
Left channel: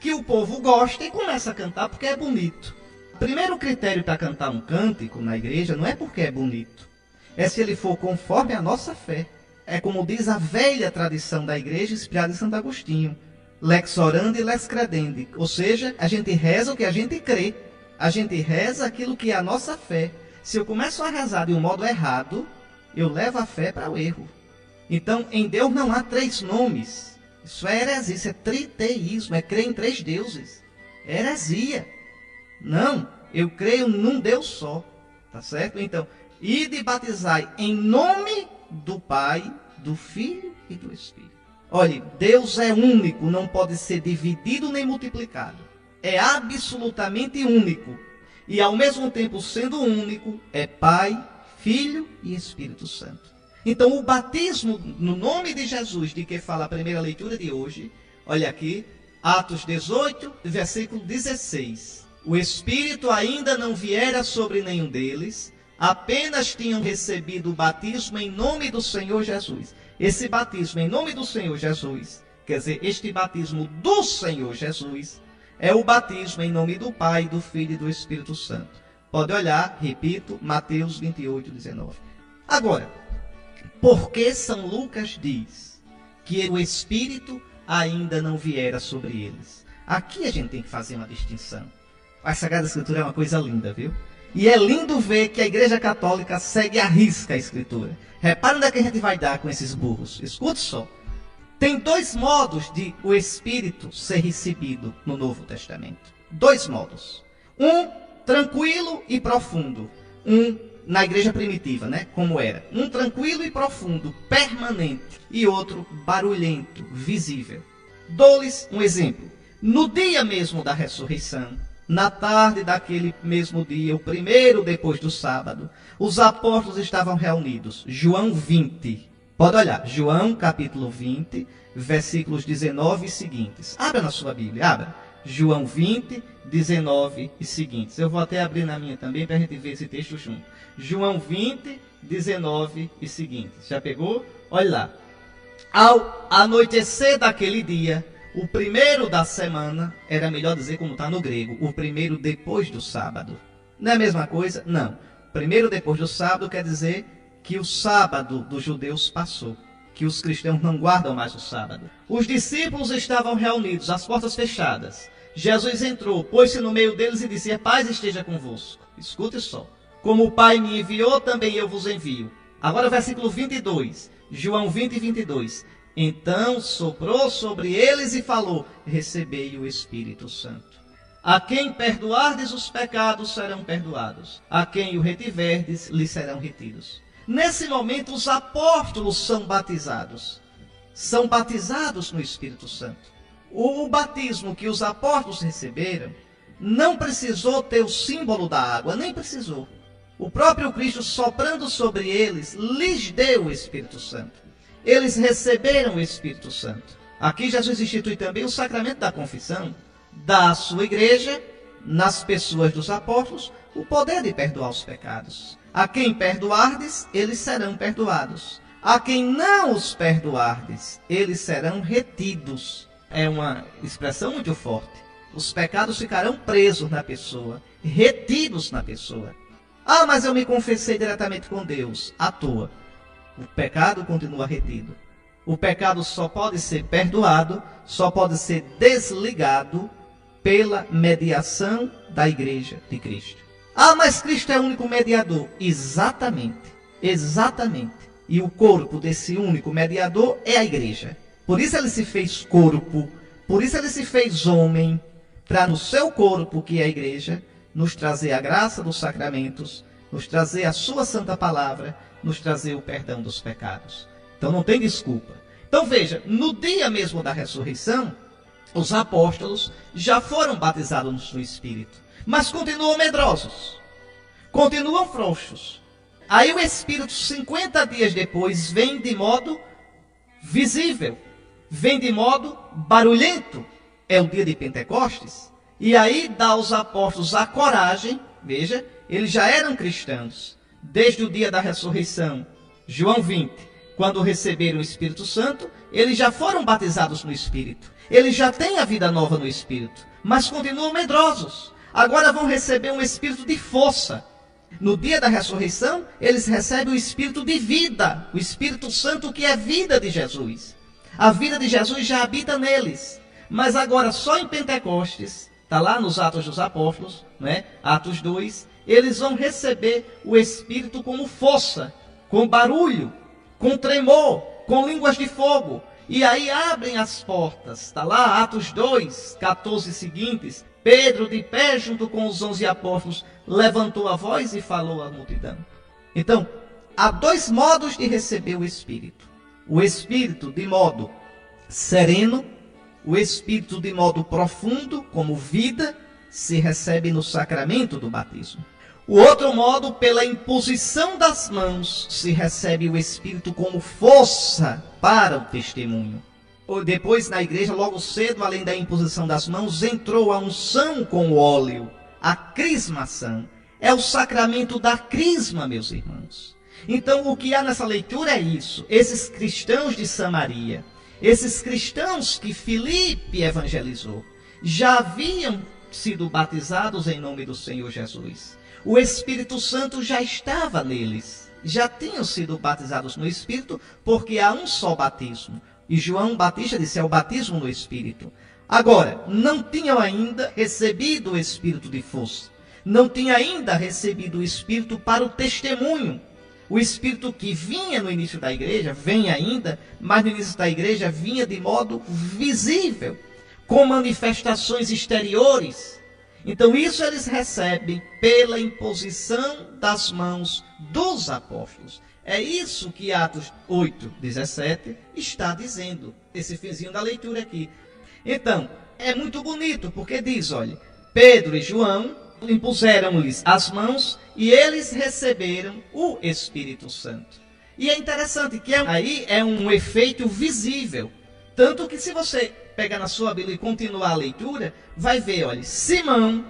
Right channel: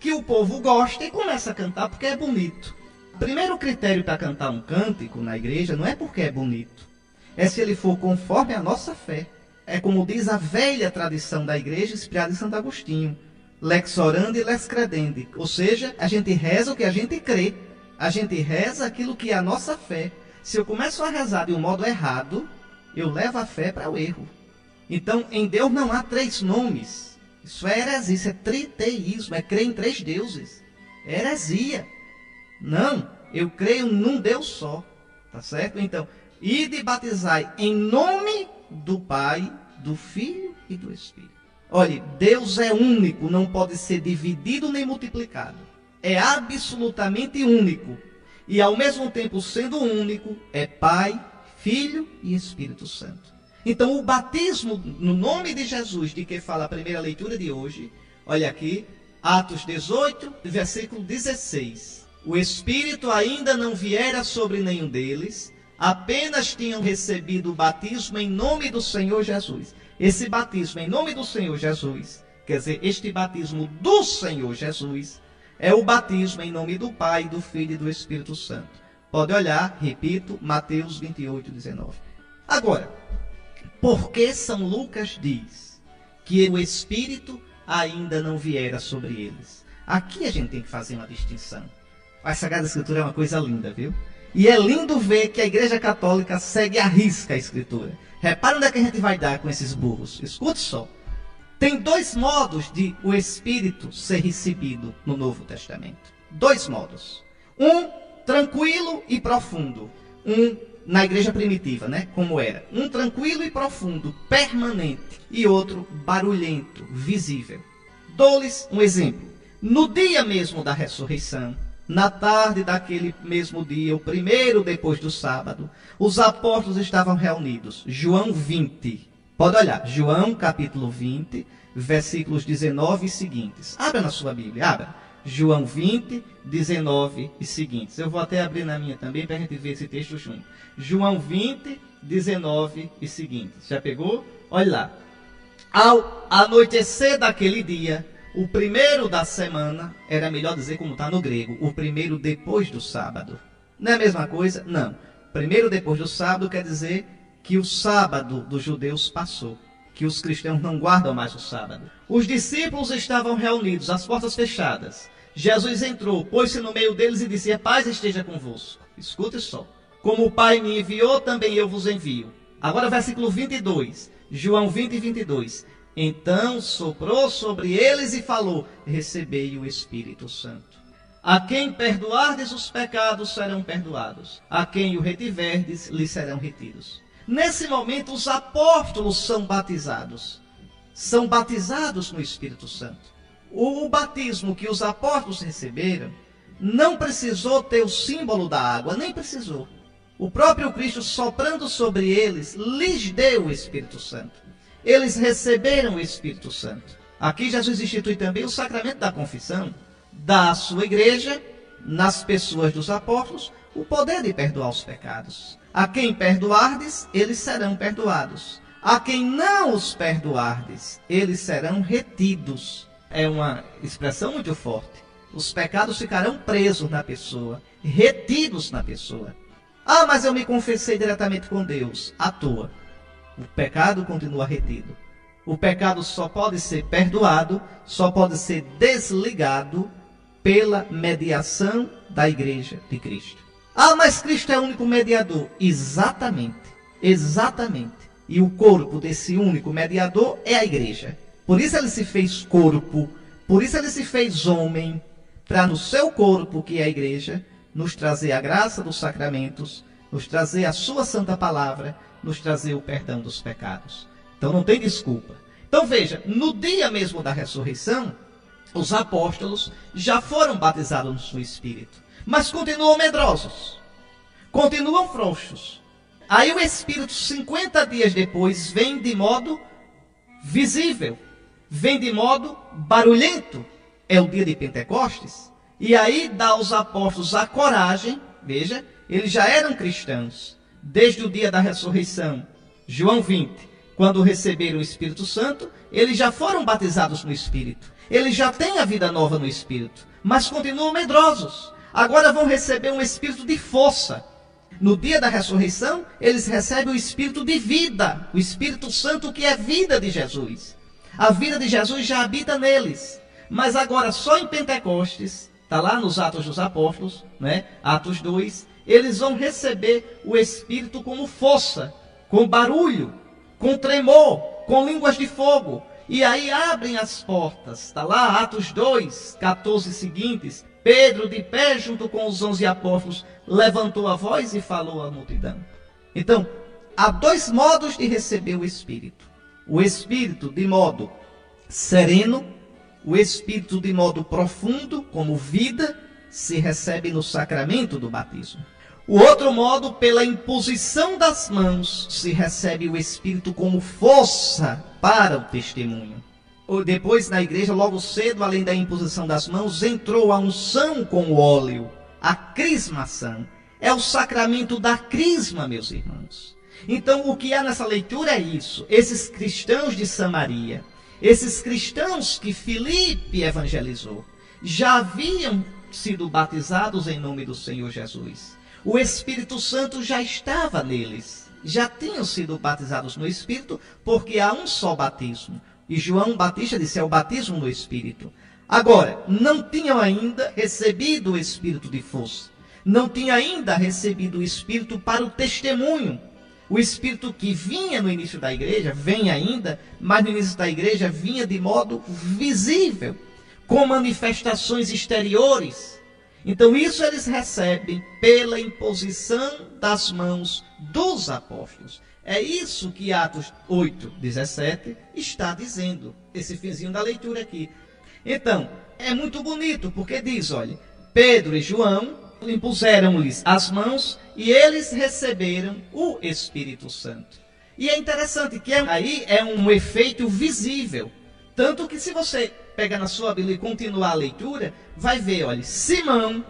que o povo gosta e começa a cantar porque é bonito. O primeiro critério para cantar um cântico na igreja não é porque é bonito, é se ele for conforme a nossa fé. É como diz a velha tradição da igreja, inspirada em Santo Agostinho, lex orandi e lex credendi, ou seja, a gente reza o que a gente crê. A gente reza aquilo que é a nossa fé. Se eu começo a rezar de um modo errado, eu levo a fé para o erro. Então, em Deus não há três nomes. Isso é heresia, isso é triteísmo, é crer em três deuses. É heresia. Não, eu creio num Deus só. Tá certo? Então, ide batizai em nome do Pai, do Filho e do Espírito. Olhe, Deus é único, não pode ser dividido nem multiplicado. É absolutamente único. E ao mesmo tempo sendo único, é Pai, Filho e Espírito Santo. Então, o batismo no nome de Jesus, de que fala a primeira leitura de hoje, olha aqui, Atos 18, versículo 16. O Espírito ainda não viera sobre nenhum deles, apenas tinham recebido o batismo em nome do Senhor Jesus. Esse batismo em nome do Senhor Jesus, quer dizer, este batismo do Senhor Jesus, é o batismo em nome do Pai, do Filho e do Espírito Santo. Pode olhar, repito, Mateus 28, 19. Agora, por que São Lucas diz que o Espírito ainda não viera sobre eles? Aqui a gente tem que fazer uma distinção. A Sagrada Escritura é uma coisa linda, viu? E é lindo ver que a Igreja Católica segue à risca a Escritura. Repara onde é que a gente vai dar com esses burros. Escute só. Tem dois modos de o Espírito ser recebido no Novo Testamento. Dois modos. Um tranquilo e profundo. Um na igreja primitiva, né? Como era. Um tranquilo e profundo, permanente. E outro barulhento, visível. Dou-lhes um exemplo. No dia mesmo da ressurreição, na tarde daquele mesmo dia, o primeiro depois do sábado, os apóstolos estavam reunidos. João 20. Pode olhar. João capítulo 20, versículos 19 e seguintes. Abra na sua Bíblia, abra. João 20, 19 e seguintes. Eu vou até abrir na minha também para a gente ver esse texto junto. João 20, 19 e seguintes. Já pegou? Olha lá. Ao anoitecer daquele dia, o primeiro da semana, era melhor dizer como está no grego, o primeiro depois do sábado. Não é a mesma coisa? Não. Primeiro depois do sábado quer dizer que o sábado dos judeus passou, que os cristãos não guardam mais o sábado. Os discípulos estavam reunidos, as portas fechadas. Jesus entrou, pôs-se no meio deles e disse: a paz esteja convosco. Escute só. Como o Pai me enviou, também eu vos envio. Agora versículo 22, João 20, 22. Então soprou sobre eles e falou: recebei o Espírito Santo. A quem perdoardes os pecados serão perdoados. A quem o retiverdes, lhes serão retidos. Nesse momento, os apóstolos são batizados. São batizados no Espírito Santo. O batismo que os apóstolos receberam não precisou ter o símbolo da água, nem precisou. O próprio Cristo, soprando sobre eles, lhes deu o Espírito Santo. Eles receberam o Espírito Santo. Aqui Jesus institui também o sacramento da confissão, dá à sua igreja, nas pessoas dos apóstolos, o poder de perdoar os pecados. A quem perdoardes, eles serão perdoados. A quem não os perdoardes, eles serão retidos. É uma expressão muito forte. Os pecados ficarão presos na pessoa, retidos na pessoa. Ah, mas eu me confessei diretamente com Deus. À toa. O pecado continua retido. O pecado só pode ser perdoado, só pode ser desligado pela mediação da Igreja de Cristo. Ah, mas Cristo é o único mediador. Exatamente, exatamente. E o corpo desse único mediador é a Igreja. Por isso ele se fez corpo, por isso ele se fez homem, para no seu corpo, que é a Igreja, nos trazer a graça dos sacramentos, nos trazer a sua santa palavra, nos trazer o perdão dos pecados. Então não tem desculpa. Então veja, no dia mesmo da ressurreição, os apóstolos já foram batizados no Espírito, mas continuam medrosos, continuam frouxos. Aí o Espírito, 50 dias depois, vem de modo visível, vem de modo barulhento. É o dia de Pentecostes. E aí dá aos apóstolos a coragem, veja, eles já eram cristãos, desde o dia da ressurreição. João 20, quando receberam o Espírito Santo, eles já foram batizados no Espírito. Eles já têm a vida nova no Espírito, mas continuam medrosos. Agora vão receber um Espírito de força. No dia da ressurreição, eles recebem o Espírito de vida, o Espírito Santo, que é a vida de Jesus. A vida de Jesus já habita neles. Mas agora, só em Pentecostes, está lá nos Atos dos Apóstolos, né? Atos 2, eles vão receber o Espírito como força, com barulho, com tremor, com línguas de fogo. E aí abrem as portas. Está lá, Atos 2, 14 seguintes. Pedro, de pé junto com os 11 apóstolos, levantou a voz e falou à multidão. Então, há dois modos de receber o Espírito. O Espírito de modo sereno, o Espírito de modo profundo, como vida, se recebe no sacramento do batismo. O outro modo, pela imposição das mãos, se recebe o Espírito como força para o testemunho. Depois, na igreja, logo cedo, além da imposição das mãos, entrou a unção com o óleo, a crismação. É o sacramento da crisma, meus irmãos. Então, o que há nessa leitura é isso. Esses cristãos de Samaria, esses cristãos que Filipe evangelizou, já haviam sido batizados em nome do Senhor Jesus. O Espírito Santo já estava neles. Já tinham sido batizados no Espírito, porque há um só batismo. E João Batista disse, é o batismo no Espírito. Agora, não tinham ainda recebido o Espírito de força. Não tinham ainda recebido o Espírito para o testemunho. O Espírito que vinha no início da igreja, vem ainda, mas no início da igreja vinha de modo visível, com manifestações exteriores. Então isso eles recebem pela imposição das mãos dos apóstolos. É isso que Atos 8:17 está dizendo, esse finzinho da leitura aqui. Então, é muito bonito, porque diz, olha, Pedro e João impuseram-lhes as mãos e eles receberam o Espírito Santo. E é interessante que aí é um efeito visível. Tanto que se você pegar na sua Bíblia e continuar a leitura, vai ver, olha, Simão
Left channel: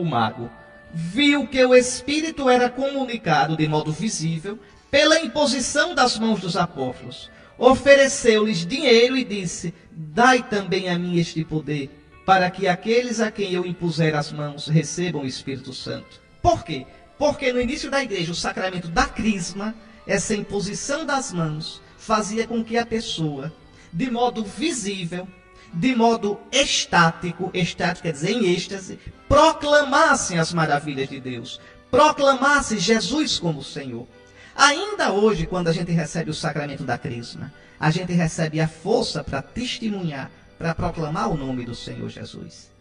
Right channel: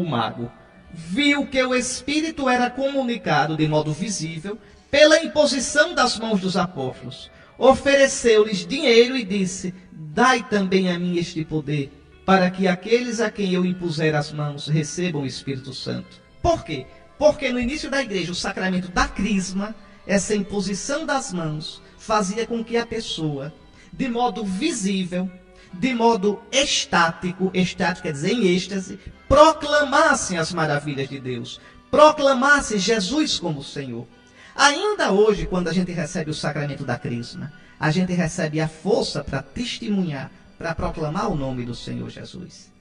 o mago, viu que o Espírito era comunicado de modo visível pela imposição das mãos dos apóstolos. Ofereceu-lhes dinheiro e disse, dai também a mim este poder, para que aqueles a quem eu impuser as mãos recebam o Espírito Santo. Por quê? Porque no início da igreja, o sacramento da crisma, essa imposição das mãos, fazia com que a pessoa, de modo visível, de modo estático quer dizer em êxtase, proclamasse as maravilhas de Deus, proclamasse Jesus como Senhor. Ainda hoje, quando a gente recebe o sacramento da crisma, a gente recebe a força para testemunhar, para proclamar o nome do Senhor Jesus.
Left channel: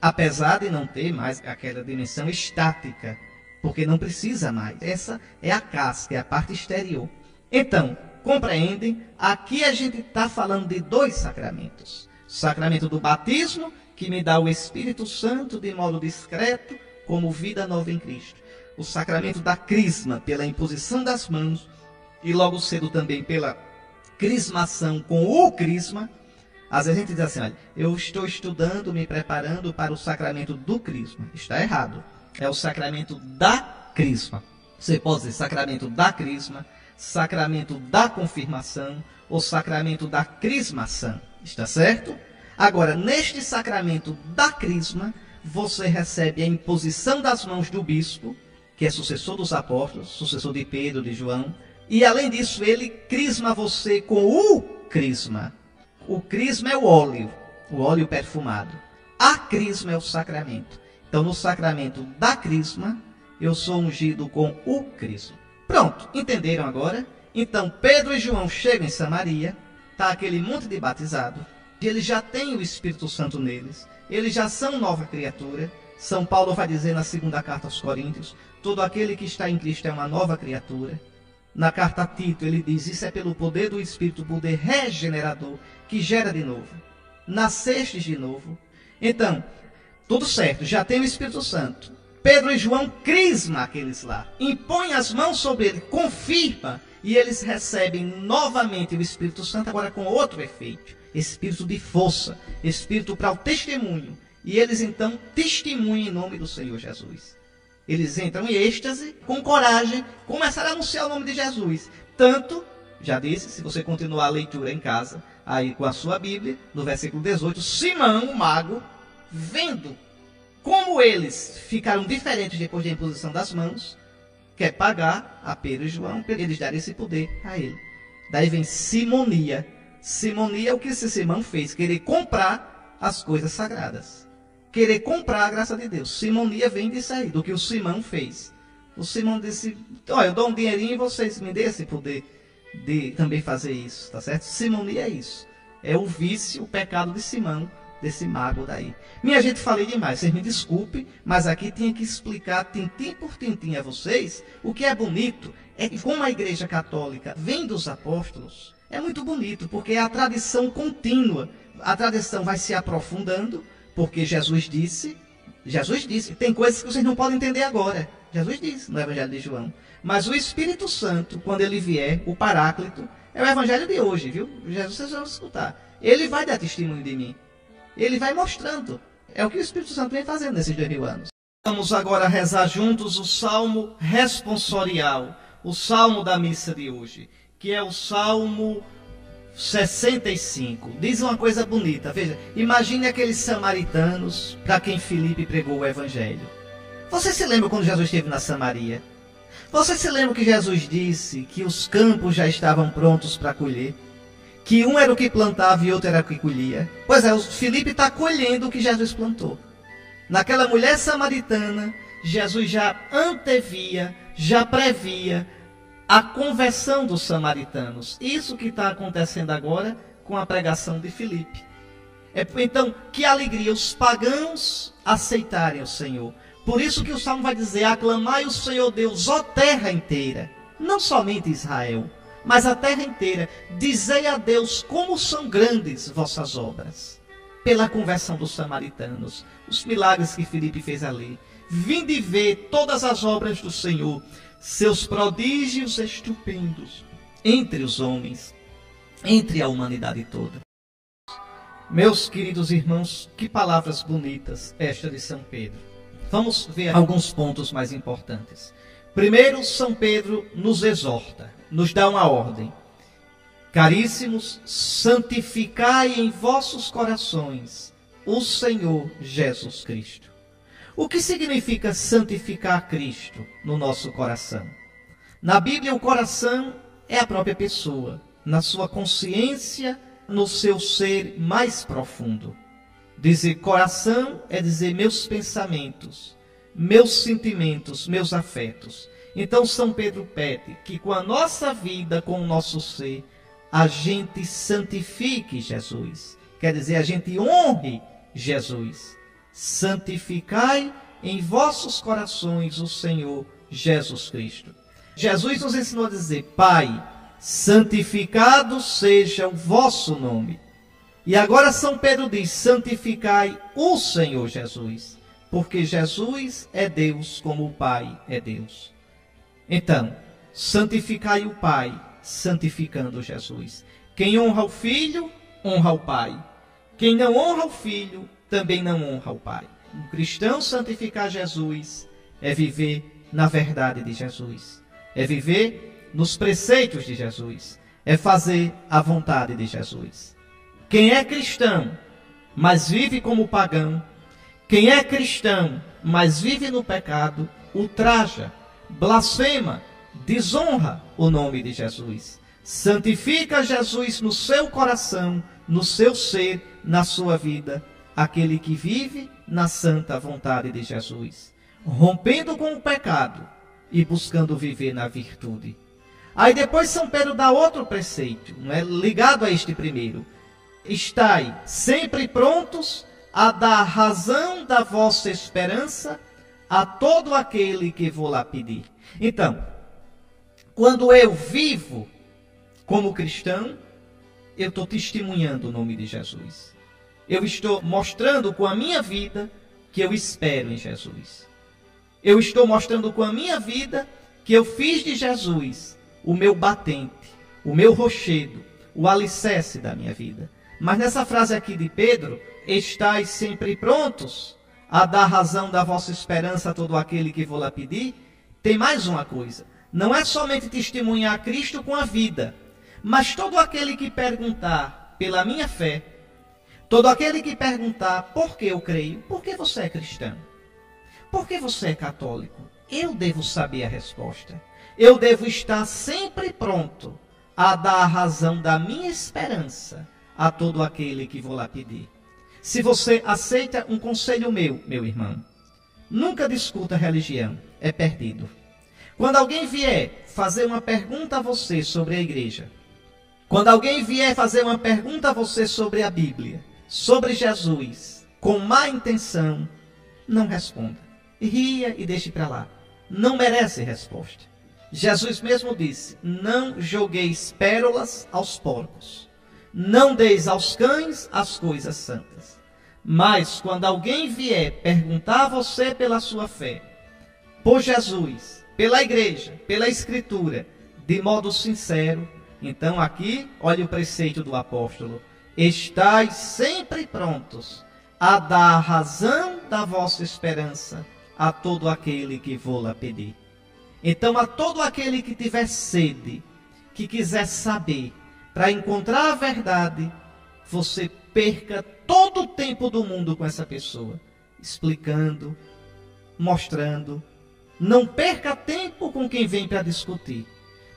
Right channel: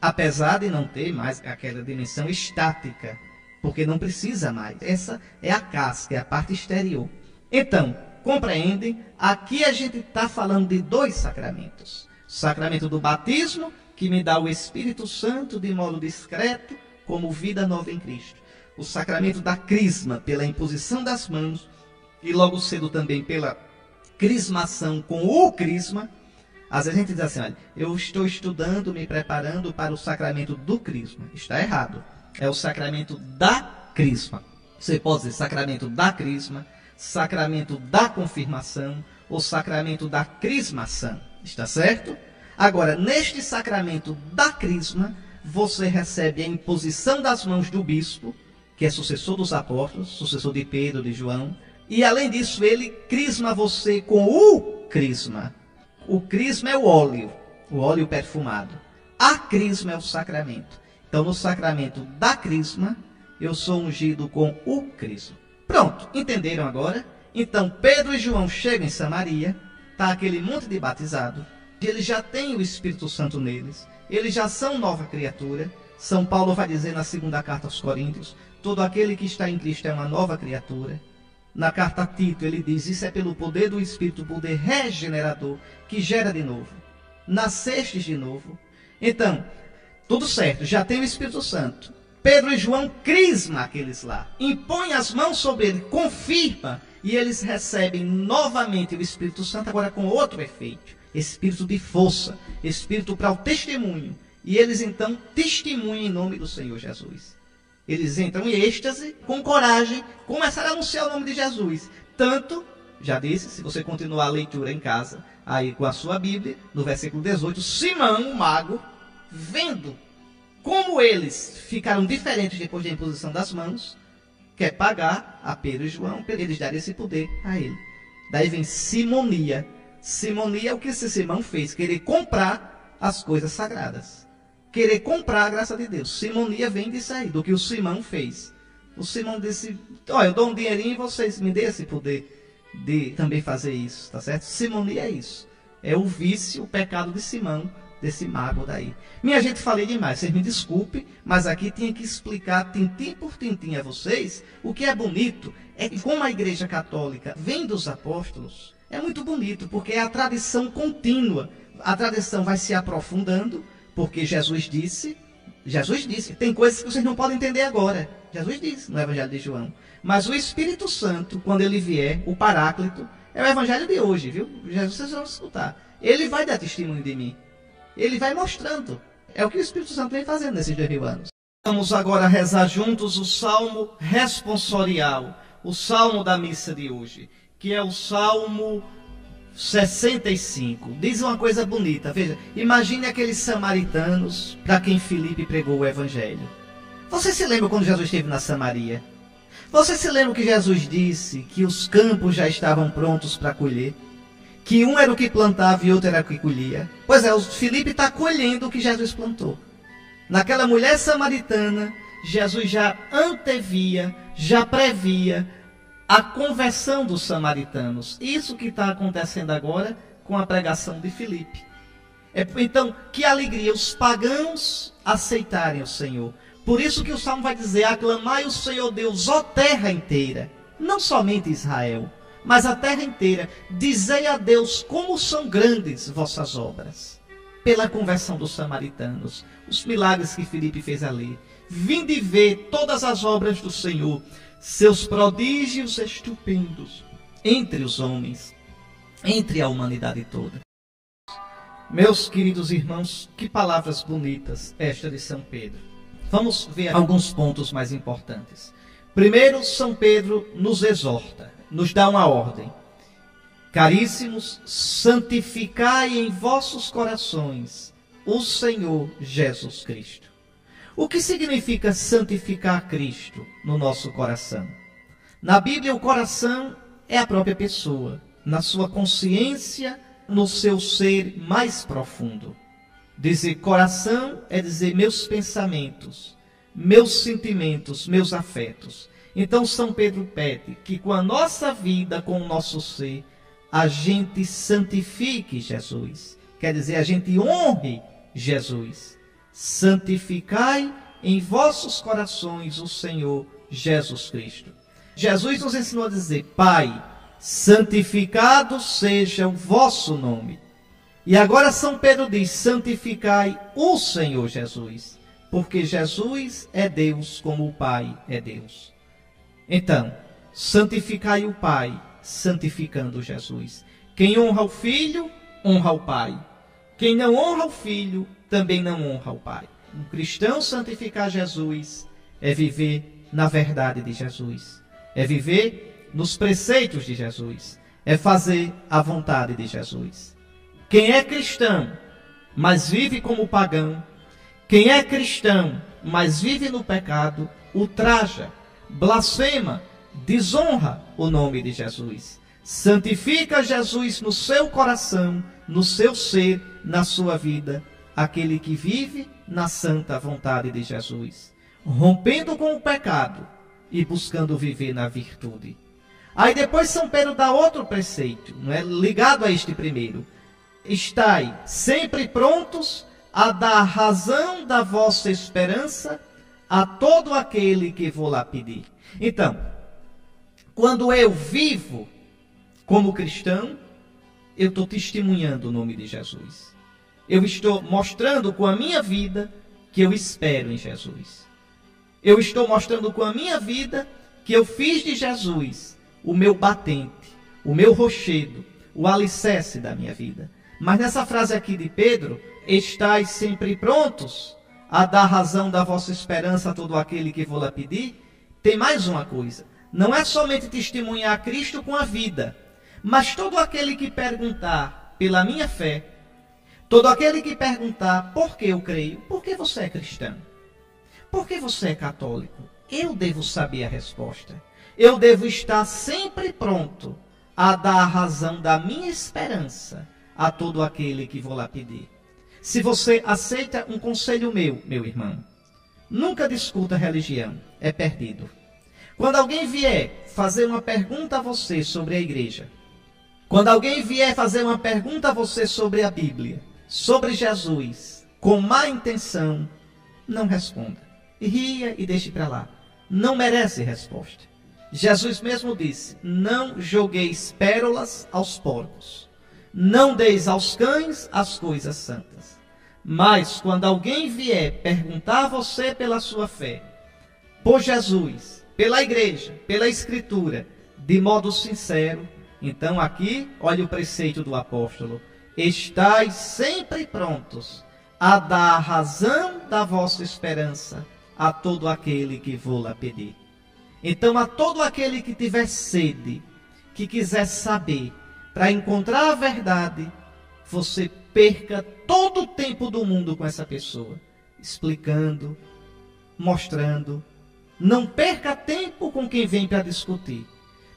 Apesar de não ter mais aquela dimensão estática, porque não precisa mais. Essa é a casca, é a parte exterior. Então, compreendem? Aqui a gente está falando de dois sacramentos. O sacramento do batismo, que me dá o Espírito Santo de modo discreto, como vida nova em Cristo. O sacramento da crisma, pela imposição das mãos, e logo cedo também pela crismação com o crisma. Às vezes a gente diz assim, olha, eu estou estudando, me preparando para o sacramento do crisma. Está errado. É o sacramento da crisma. Você pode dizer sacramento da crisma, sacramento da confirmação ou sacramento da crismação. Está certo? Agora, neste sacramento da crisma, você recebe a imposição das mãos do bispo, que é sucessor dos apóstolos, sucessor de Pedro, de João. E além disso, ele crisma você com o crisma. O crisma é o óleo perfumado. A crisma é o sacramento. Então, no sacramento da crisma, eu sou ungido com o crisma. Pronto, entenderam agora? Então, Pedro e João chegam em Samaria, está aquele monte de batizado, eles já têm o Espírito Santo neles, eles já são nova criatura. São Paulo vai dizer na segunda carta aos Coríntios, todo aquele que está em Cristo é uma nova criatura. Na carta a Tito, ele diz, isso é pelo poder do Espírito, poder regenerador, que gera de novo. Nascestes de novo. Então, tudo certo, já tem o Espírito Santo. Pedro e João crisma aqueles lá, impõe as mãos sobre ele, confirma, e eles recebem novamente o Espírito Santo, agora com outro efeito. Espírito de força, espírito para o testemunho. E eles então testemunham em nome do Senhor Jesus. Eles entram em êxtase, com coragem, começaram a anunciar o nome de Jesus. Tanto, já disse, se você continuar a leitura em casa, aí com a sua Bíblia, no versículo 18, Simão, o mago, vendo como eles ficaram diferentes depois da imposição das mãos, quer pagar a Pedro e João, eles darem esse poder a ele. Daí vem simonia. Simonia é o que esse Simão fez, querer comprar as coisas sagradas. Querer comprar a graça de Deus. Simonia vem disso aí, do que o Simão fez. O Simão disse, olha, eu dou um dinheirinho e vocês me dêem esse poder de também fazer isso, tá certo? Simonia é isso. É o vício, o pecado de Simão, desse mago daí. Minha gente, falei demais, vocês me desculpem, mas aqui tinha que explicar tintim por tintim a vocês. O que é bonito é que como a Igreja Católica vem dos apóstolos, é muito bonito, porque é a tradição contínua. A tradição vai se aprofundando, porque Jesus disse, tem coisas que vocês não podem entender agora. Jesus diz no Evangelho de João. Mas o Espírito Santo, quando ele vier, o Paráclito, é o Evangelho de hoje, viu? Jesus, vocês vão escutar. Ele vai dar testemunho de mim. Ele vai mostrando. É o que o Espírito Santo vem fazendo nesses 2000 anos. Vamos agora rezar juntos o Salmo responsorial, o Salmo da missa de hoje, que é o Salmo 65. Diz uma coisa bonita, veja, imagine aqueles samaritanos para quem Filipe pregou o Evangelho. Você se lembra quando Jesus esteve na Samaria? Você se lembra que Jesus disse que os campos já estavam prontos para colher? Que um era o que plantava e outro era o que colhia? Pois é, o Filipe está colhendo o que Jesus plantou. Naquela mulher samaritana, Jesus já antevia, já previa a conversão dos samaritanos. Isso que está acontecendo agora com a pregação de Filipe. Então, que alegria os pagãos aceitarem o Senhor. Por isso que o Salmo vai dizer, aclamai o Senhor Deus, ó terra inteira. Não somente Israel, mas a terra inteira. Dizei a Deus como são grandes vossas obras. Pela conversão dos samaritanos, os milagres que Filipe fez ali. Vinde ver todas as obras do Senhor, seus prodígios estupendos, entre os homens, entre a humanidade toda. Meus queridos irmãos, que palavras bonitas esta de São Pedro. Vamos ver alguns pontos mais importantes. Primeiro, São Pedro nos exorta, nos dá uma ordem. Caríssimos, santificai em vossos corações o Senhor Jesus Cristo. O que significa santificar Cristo no nosso coração? Na Bíblia, o coração é a própria pessoa, na sua consciência, no seu ser mais profundo. Dizer coração é dizer meus pensamentos, meus sentimentos, meus afetos. Então, São Pedro pede que com a nossa vida, com o nosso ser, a gente santifique Jesus. Quer dizer, a gente honre Jesus. Santificai em vossos corações o Senhor Jesus Cristo. Jesus nos ensinou a dizer, Pai, santificado seja o vosso nome. E agora São Pedro diz, santificai o Senhor Jesus. Porque Jesus é Deus como o Pai é Deus. Então, santificai o Pai, santificando Jesus. Quem honra o Filho, honra o Pai. Quem não honra o Filho, também não honra o Pai. Um cristão santificar Jesus é viver na verdade de Jesus. É viver nos preceitos de Jesus. É fazer a vontade de Jesus. Quem é cristão, mas vive como pagão, quem é cristão, mas vive no pecado, ultraja, blasfema, desonra o nome de Jesus. Santifica Jesus no seu coração, no seu ser, na sua vida, aquele que vive na santa vontade de Jesus, rompendo com o pecado e buscando viver na virtude. Aí depois São Pedro dá outro preceito, não é? Ligado a este primeiro. Estai sempre prontos a dar razão da vossa esperança a todo aquele que vou lá pedir. Então, quando eu vivo como cristão, eu estou testemunhando o nome de Jesus. Eu estou mostrando com a minha vida que eu espero em Jesus. Eu estou mostrando com a minha vida que eu fiz de Jesus o meu batente, o meu rochedo, o alicerce da minha vida. Mas nessa frase aqui de Pedro, estais sempre prontos a dar razão da vossa esperança a todo aquele que vou lá pedir, tem mais uma coisa. Não é somente testemunhar Cristo com a vida, mas todo aquele que perguntar pela minha fé, todo aquele que perguntar por que eu creio, por que você é cristão? Por que você é católico? Eu devo saber a resposta. Eu devo estar sempre pronto a dar a razão da minha esperança a todo aquele que vou lá pedir. Se você aceita um conselho meu irmão, nunca discuta religião, é perdido. Quando alguém vier fazer uma pergunta a você sobre a igreja, quando alguém vier fazer uma pergunta a você sobre a Bíblia, sobre Jesus, com má intenção, não responda. Ria e deixe para lá. Não merece resposta. Jesus mesmo disse, não jogueis pérolas aos porcos. Não deis aos cães as coisas santas. Mas quando alguém vier perguntar a você pela sua fé, por Jesus, pela igreja, pela Escritura, de modo sincero, então aqui, olha o preceito do apóstolo: estais sempre prontos a dar a razão da vossa esperança a todo aquele que vô-la pedir. Então, a todo aquele que tiver sede, que quiser saber, para encontrar a verdade, você perca todo o tempo do mundo com essa pessoa, explicando, mostrando. Não perca tempo com quem vem para discutir.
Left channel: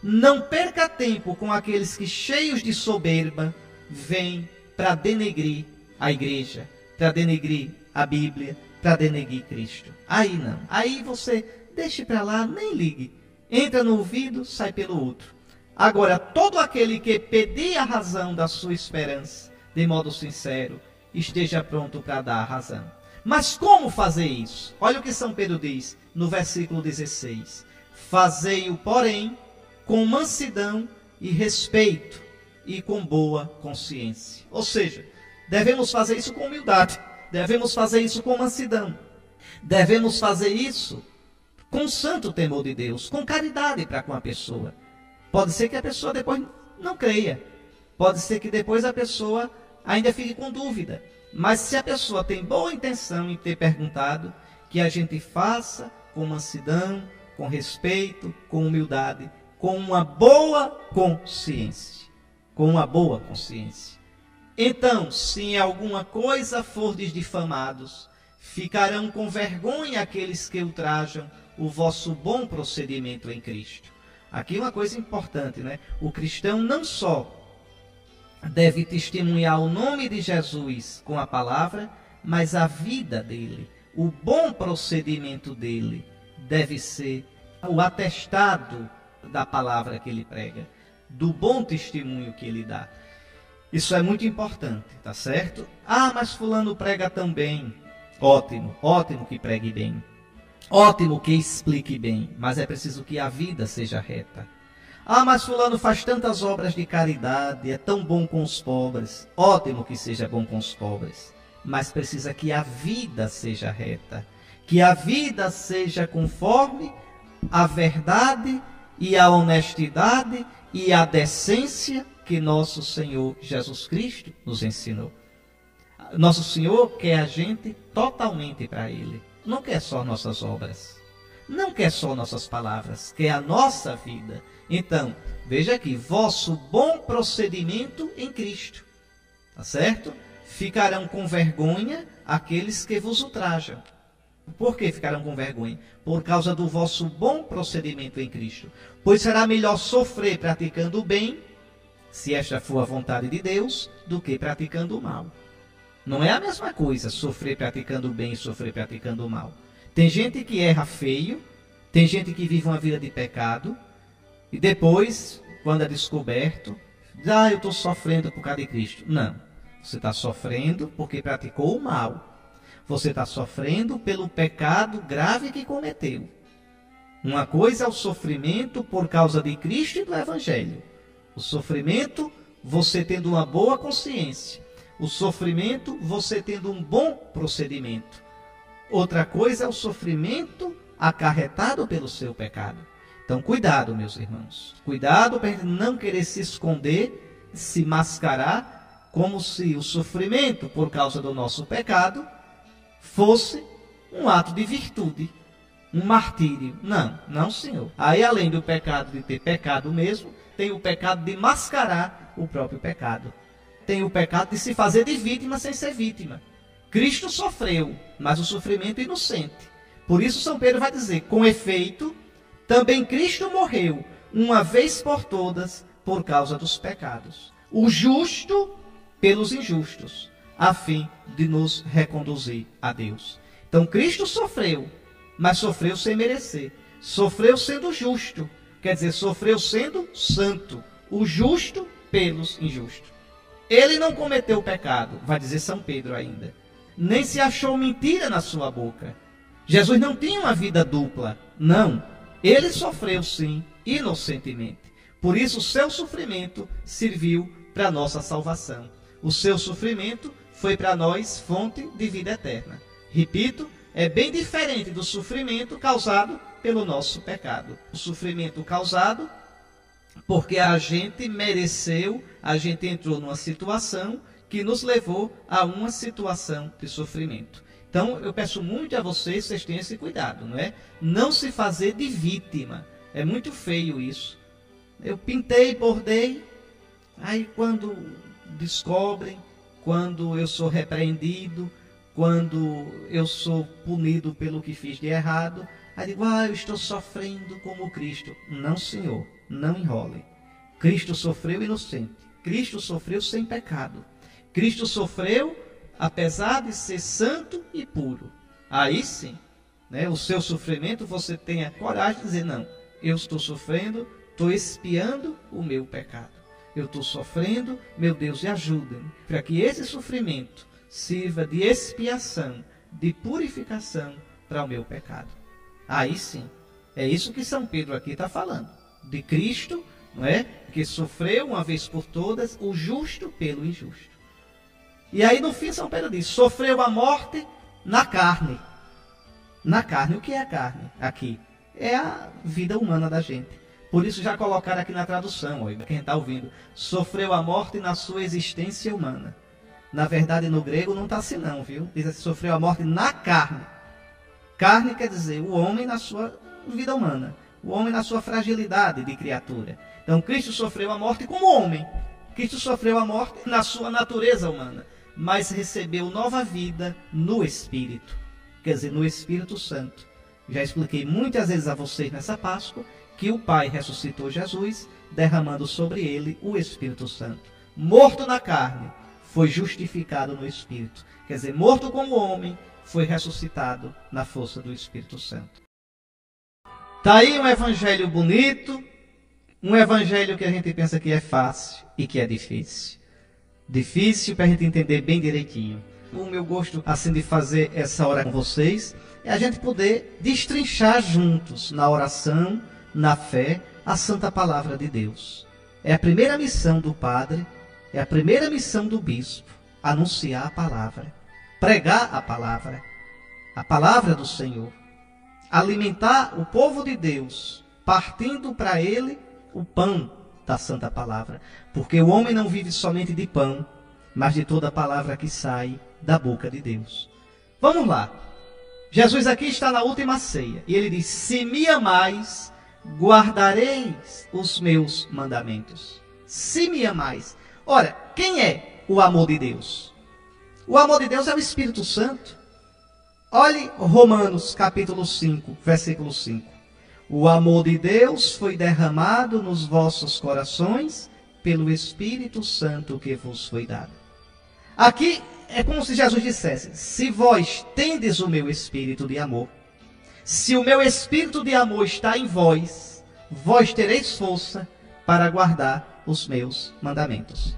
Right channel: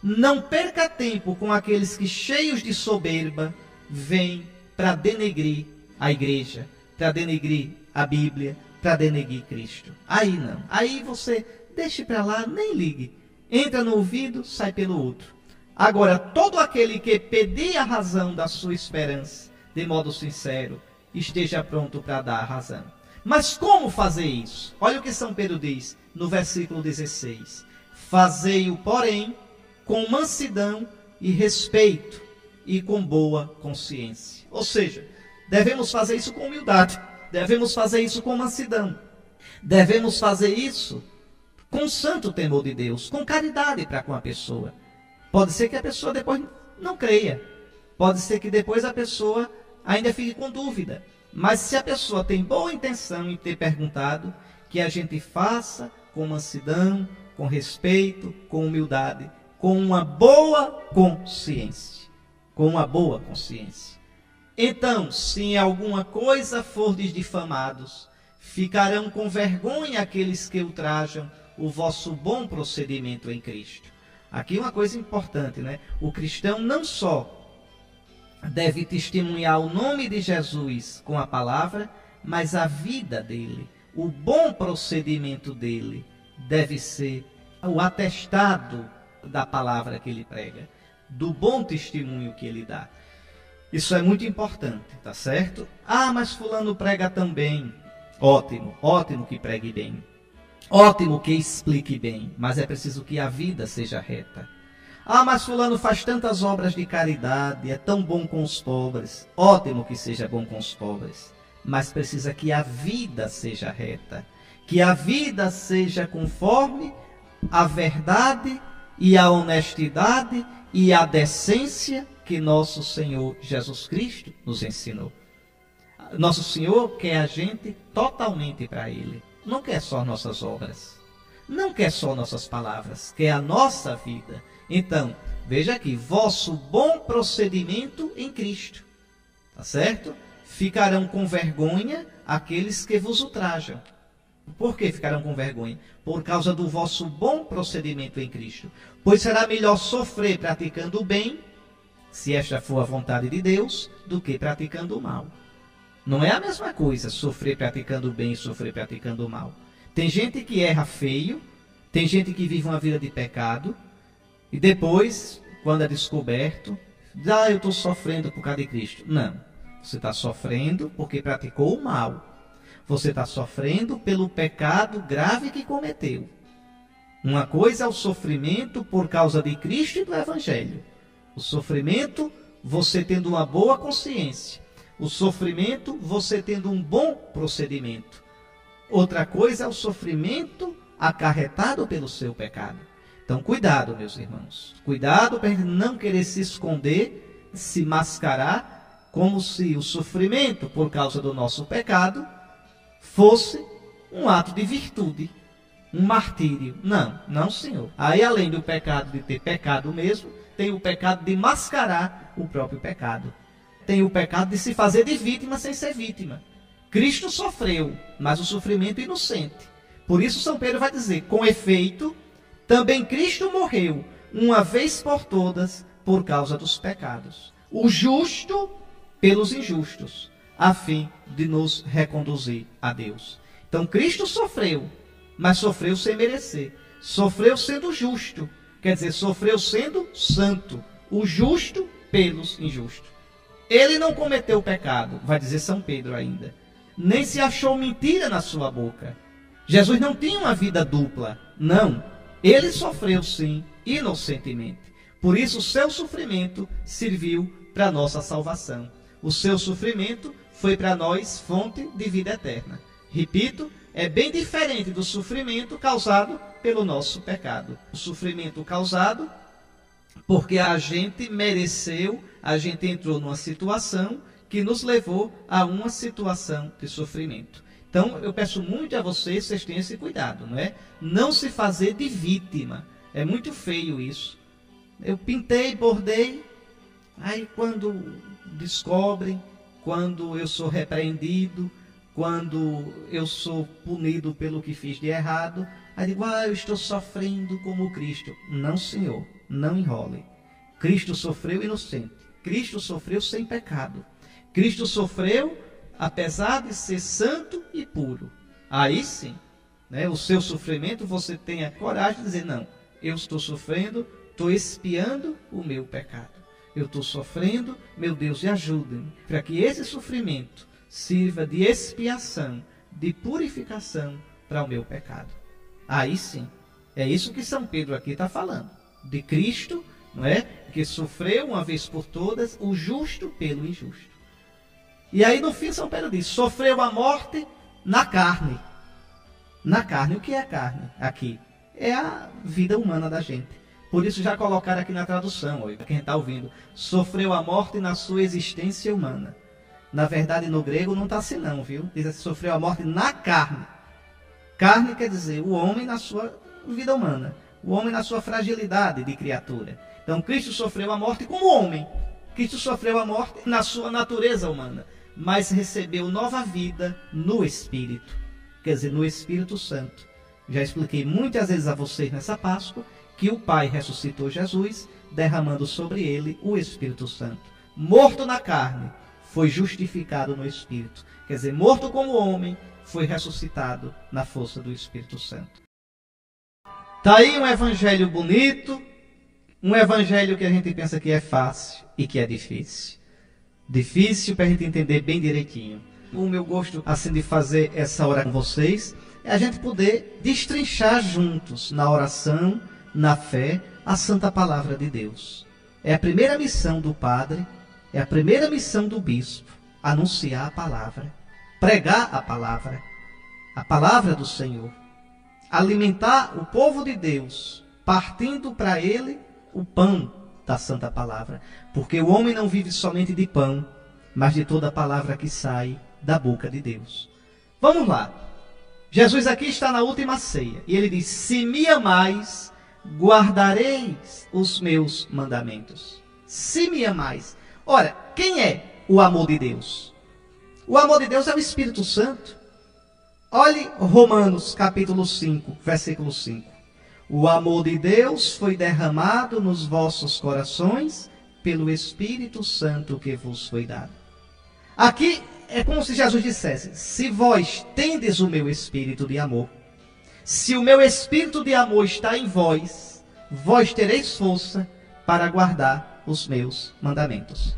Não perca tempo com aqueles que, cheios de soberba, vêm para denegrir a igreja, para denegrir a Bíblia, para denegrir Cristo. Aí não. Aí você deixe para lá, nem ligue. Entra no ouvido, sai pelo outro. Agora, todo aquele que pedir a razão da sua esperança, de modo sincero, esteja pronto para dar a razão. Mas como fazer isso? Olha o que São Pedro diz no versículo 16. Fazei-o, porém, com mansidão e respeito e com boa consciência. Ou seja, devemos fazer isso com humildade, devemos fazer isso com mansidão, devemos fazer isso com santo temor de Deus, com caridade para com a pessoa. Pode ser que a pessoa depois não creia, pode ser que depois a pessoa ainda fique com dúvida, mas se a pessoa tem boa intenção em ter perguntado, que a gente faça com mansidão, com respeito, com humildade, com uma boa consciência. Com uma boa consciência. Então, se em alguma coisa fordes difamados, ficarão com vergonha aqueles que ultrajam o vosso bom procedimento em Cristo. Aqui uma coisa importante, né? O cristão não só deve testemunhar o nome de Jesus com a palavra, mas a vida dele, o bom procedimento dele, deve ser o atestado da palavra que ele prega, do bom testemunho que ele dá. Isso é muito importante, tá certo? Ah, mas fulano prega tão bem. Ótimo, ótimo que pregue bem. Ótimo que explique bem, mas é preciso que a vida seja reta. Ah, mas fulano faz tantas obras de caridade, é tão bom com os pobres. Ótimo que seja bom com os pobres, mas precisa que a vida seja reta, que a vida seja conforme a verdade e a honestidade e a decência que nosso Senhor Jesus Cristo nos ensinou. Nosso Senhor quer a gente totalmente para Ele. Não quer só nossas obras, não quer só nossas palavras, quer a nossa vida. Então, veja aqui, vosso bom procedimento em Cristo, tá certo? Ficarão com vergonha aqueles que vos ultrajam. Por que ficarão com vergonha? Por causa do vosso bom procedimento em Cristo. Pois será melhor sofrer praticando o bem, se esta for a vontade de Deus, do que praticando o mal. Não é a mesma coisa sofrer praticando o bem e sofrer praticando o mal. Tem gente que erra feio, tem gente que vive uma vida de pecado, e depois, quando é descoberto, eu estou sofrendo por causa de Cristo. Não, você está sofrendo porque praticou o mal. Você está sofrendo pelo pecado grave que cometeu. Uma coisa é o sofrimento por causa de Cristo e do Evangelho. O sofrimento, você tendo uma boa consciência. O sofrimento, você tendo um bom procedimento. Outra coisa é o sofrimento acarretado pelo seu pecado. Então, cuidado, meus irmãos. Cuidado para a gente não querer se esconder, se mascarar, como se o sofrimento por causa do nosso pecado fosse um ato de virtude, um martírio. Não, não, senhor. Aí, além do pecado de ter pecado mesmo, tem o pecado de mascarar o próprio pecado. Tem o pecado de se fazer de vítima sem ser vítima. Cristo sofreu, mas o sofrimento inocente. Por isso São Pedro vai dizer, com efeito, também Cristo morreu, uma vez por todas, por causa dos pecados. O justo pelos injustos, a fim de nos reconduzir a Deus. Então Cristo sofreu, mas sofreu sem merecer. Sofreu sendo justo, quer dizer, sofreu sendo santo. O justo pelos injustos. Ele não cometeu pecado, vai dizer São Pedro ainda. Nem se achou mentira na sua boca. Jesus não tinha uma vida dupla, não. Ele sofreu sim, inocentemente. Por isso o seu sofrimento serviu para a nossa salvação. O seu sofrimento foi para nós fonte de vida eterna. Repito, é bem diferente do sofrimento causado pelo nosso pecado. O sofrimento causado porque a gente mereceu, a gente entrou numa situação que nos levou a uma situação de sofrimento. Então, eu peço muito a vocês tenham esse cuidado, não é? Não se fazer de vítima. É muito feio isso. Eu pintei, bordei, aí quando descobrem, quando eu sou repreendido, quando eu sou punido pelo que fiz de errado, aí digo, eu estou sofrendo como Cristo. Não, Senhor, não enrole. Cristo sofreu inocente. Cristo sofreu sem pecado. Cristo sofreu apesar de ser santo e puro. Aí sim, né, o seu sofrimento, você tenha coragem de dizer, não, eu estou sofrendo, estou expiando o meu pecado. Eu estou sofrendo, meu Deus, e ajuda-me, para que esse sofrimento sirva de expiação, de purificação para o meu pecado. Aí sim, é isso que São Pedro aqui está falando, de Cristo, não é? Que sofreu uma vez por todas o justo pelo injusto. E aí no fim São Pedro diz, sofreu a morte na carne. Na carne, o que é a carne aqui? É a vida humana da gente. Por isso já colocaram aqui na tradução, quem está ouvindo, sofreu a morte na sua existência humana. Na verdade, no grego não está assim não, viu? Diz assim, sofreu a morte na carne. Carne quer dizer o homem na sua vida humana, o homem na sua fragilidade de criatura. Então, Cristo sofreu a morte como homem. Cristo sofreu a morte na sua natureza humana, mas recebeu nova vida no Espírito, quer dizer, no Espírito Santo. Já expliquei muitas vezes a vocês nessa Páscoa que o Pai ressuscitou Jesus, derramando sobre ele o Espírito Santo. Morto na carne, foi justificado no Espírito. Quer dizer, morto como homem, foi ressuscitado na força do Espírito Santo. Está aí um evangelho bonito, um evangelho que a gente pensa que é fácil e que é difícil. Difícil para a gente entender bem direitinho. O meu gosto assim de fazer essa hora com vocês é a gente poder destrinchar juntos na oração, na fé, a santa palavra de Deus. É a primeira missão do padre, é a primeira missão do bispo, anunciar a palavra, pregar a palavra do Senhor, alimentar o povo de Deus, partindo para ele o pão da santa palavra, porque o homem não vive somente de pão, mas de toda palavra que sai da boca de Deus. Vamos lá. Jesus aqui está na última ceia, e ele diz, se me amais, guardareis os meus mandamentos. Se me amais. Ora, quem é o amor de Deus? O amor de Deus é o Espírito Santo. Olhe Romanos capítulo 5, versículo 5. O amor de Deus foi derramado nos vossos corações pelo Espírito Santo que vos foi dado. Aqui é como se Jesus dissesse, se vós tendes o meu Espírito de amor, se o meu Espírito de amor está em vós, vós tereis força para guardar os meus mandamentos.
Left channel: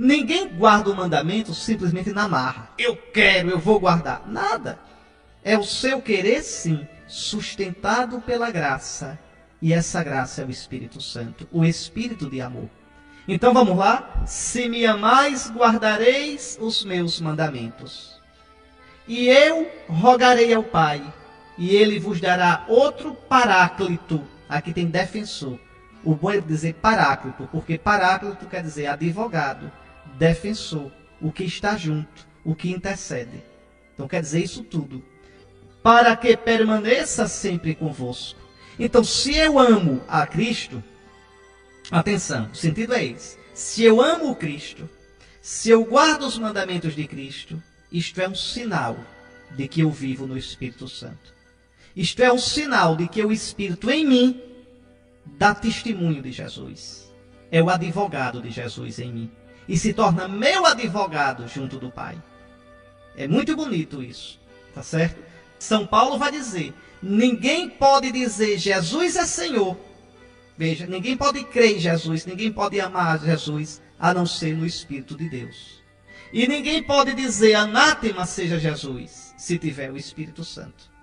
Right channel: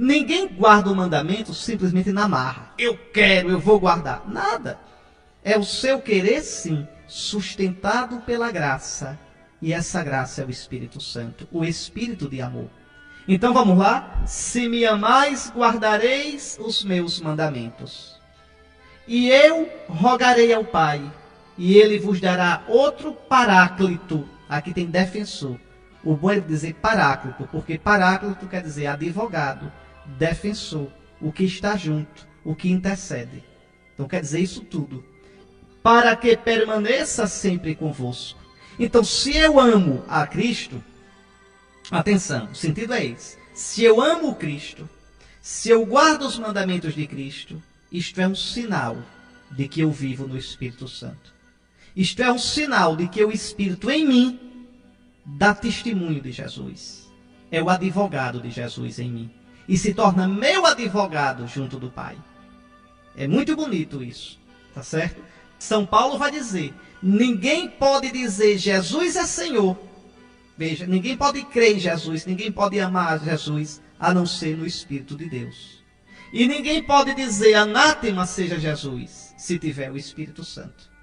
Ninguém guarda o mandamento simplesmente na marra. Eu quero, eu vou guardar. Nada. É o seu querer, sim, sustentado pela graça. E essa graça é o Espírito Santo, o Espírito de amor. Então vamos lá. Se me amais, guardareis os meus mandamentos. E eu rogarei ao Pai, e ele vos dará outro paráclito. Aqui tem defensor. O bom é dizer paráclito, porque paráclito quer dizer advogado, defensor, o que está junto, o que intercede. Então quer dizer isso tudo. Para que permaneça sempre convosco. Então, se eu amo a Cristo, atenção, o sentido é esse. Se eu amo Cristo, se eu guardo os mandamentos de Cristo, isto é um sinal de que eu vivo no Espírito Santo. Isto é um sinal de que o Espírito em mim dá testemunho de Jesus. É o advogado de Jesus em mim. E se torna meu advogado junto do Pai. É muito bonito isso, tá certo? São Paulo vai dizer, ninguém pode dizer Jesus é Senhor. Veja, ninguém pode crer em Jesus, ninguém pode amar Jesus, a não ser no Espírito de Deus. E ninguém pode dizer anátema seja Jesus, se tiver o Espírito Santo.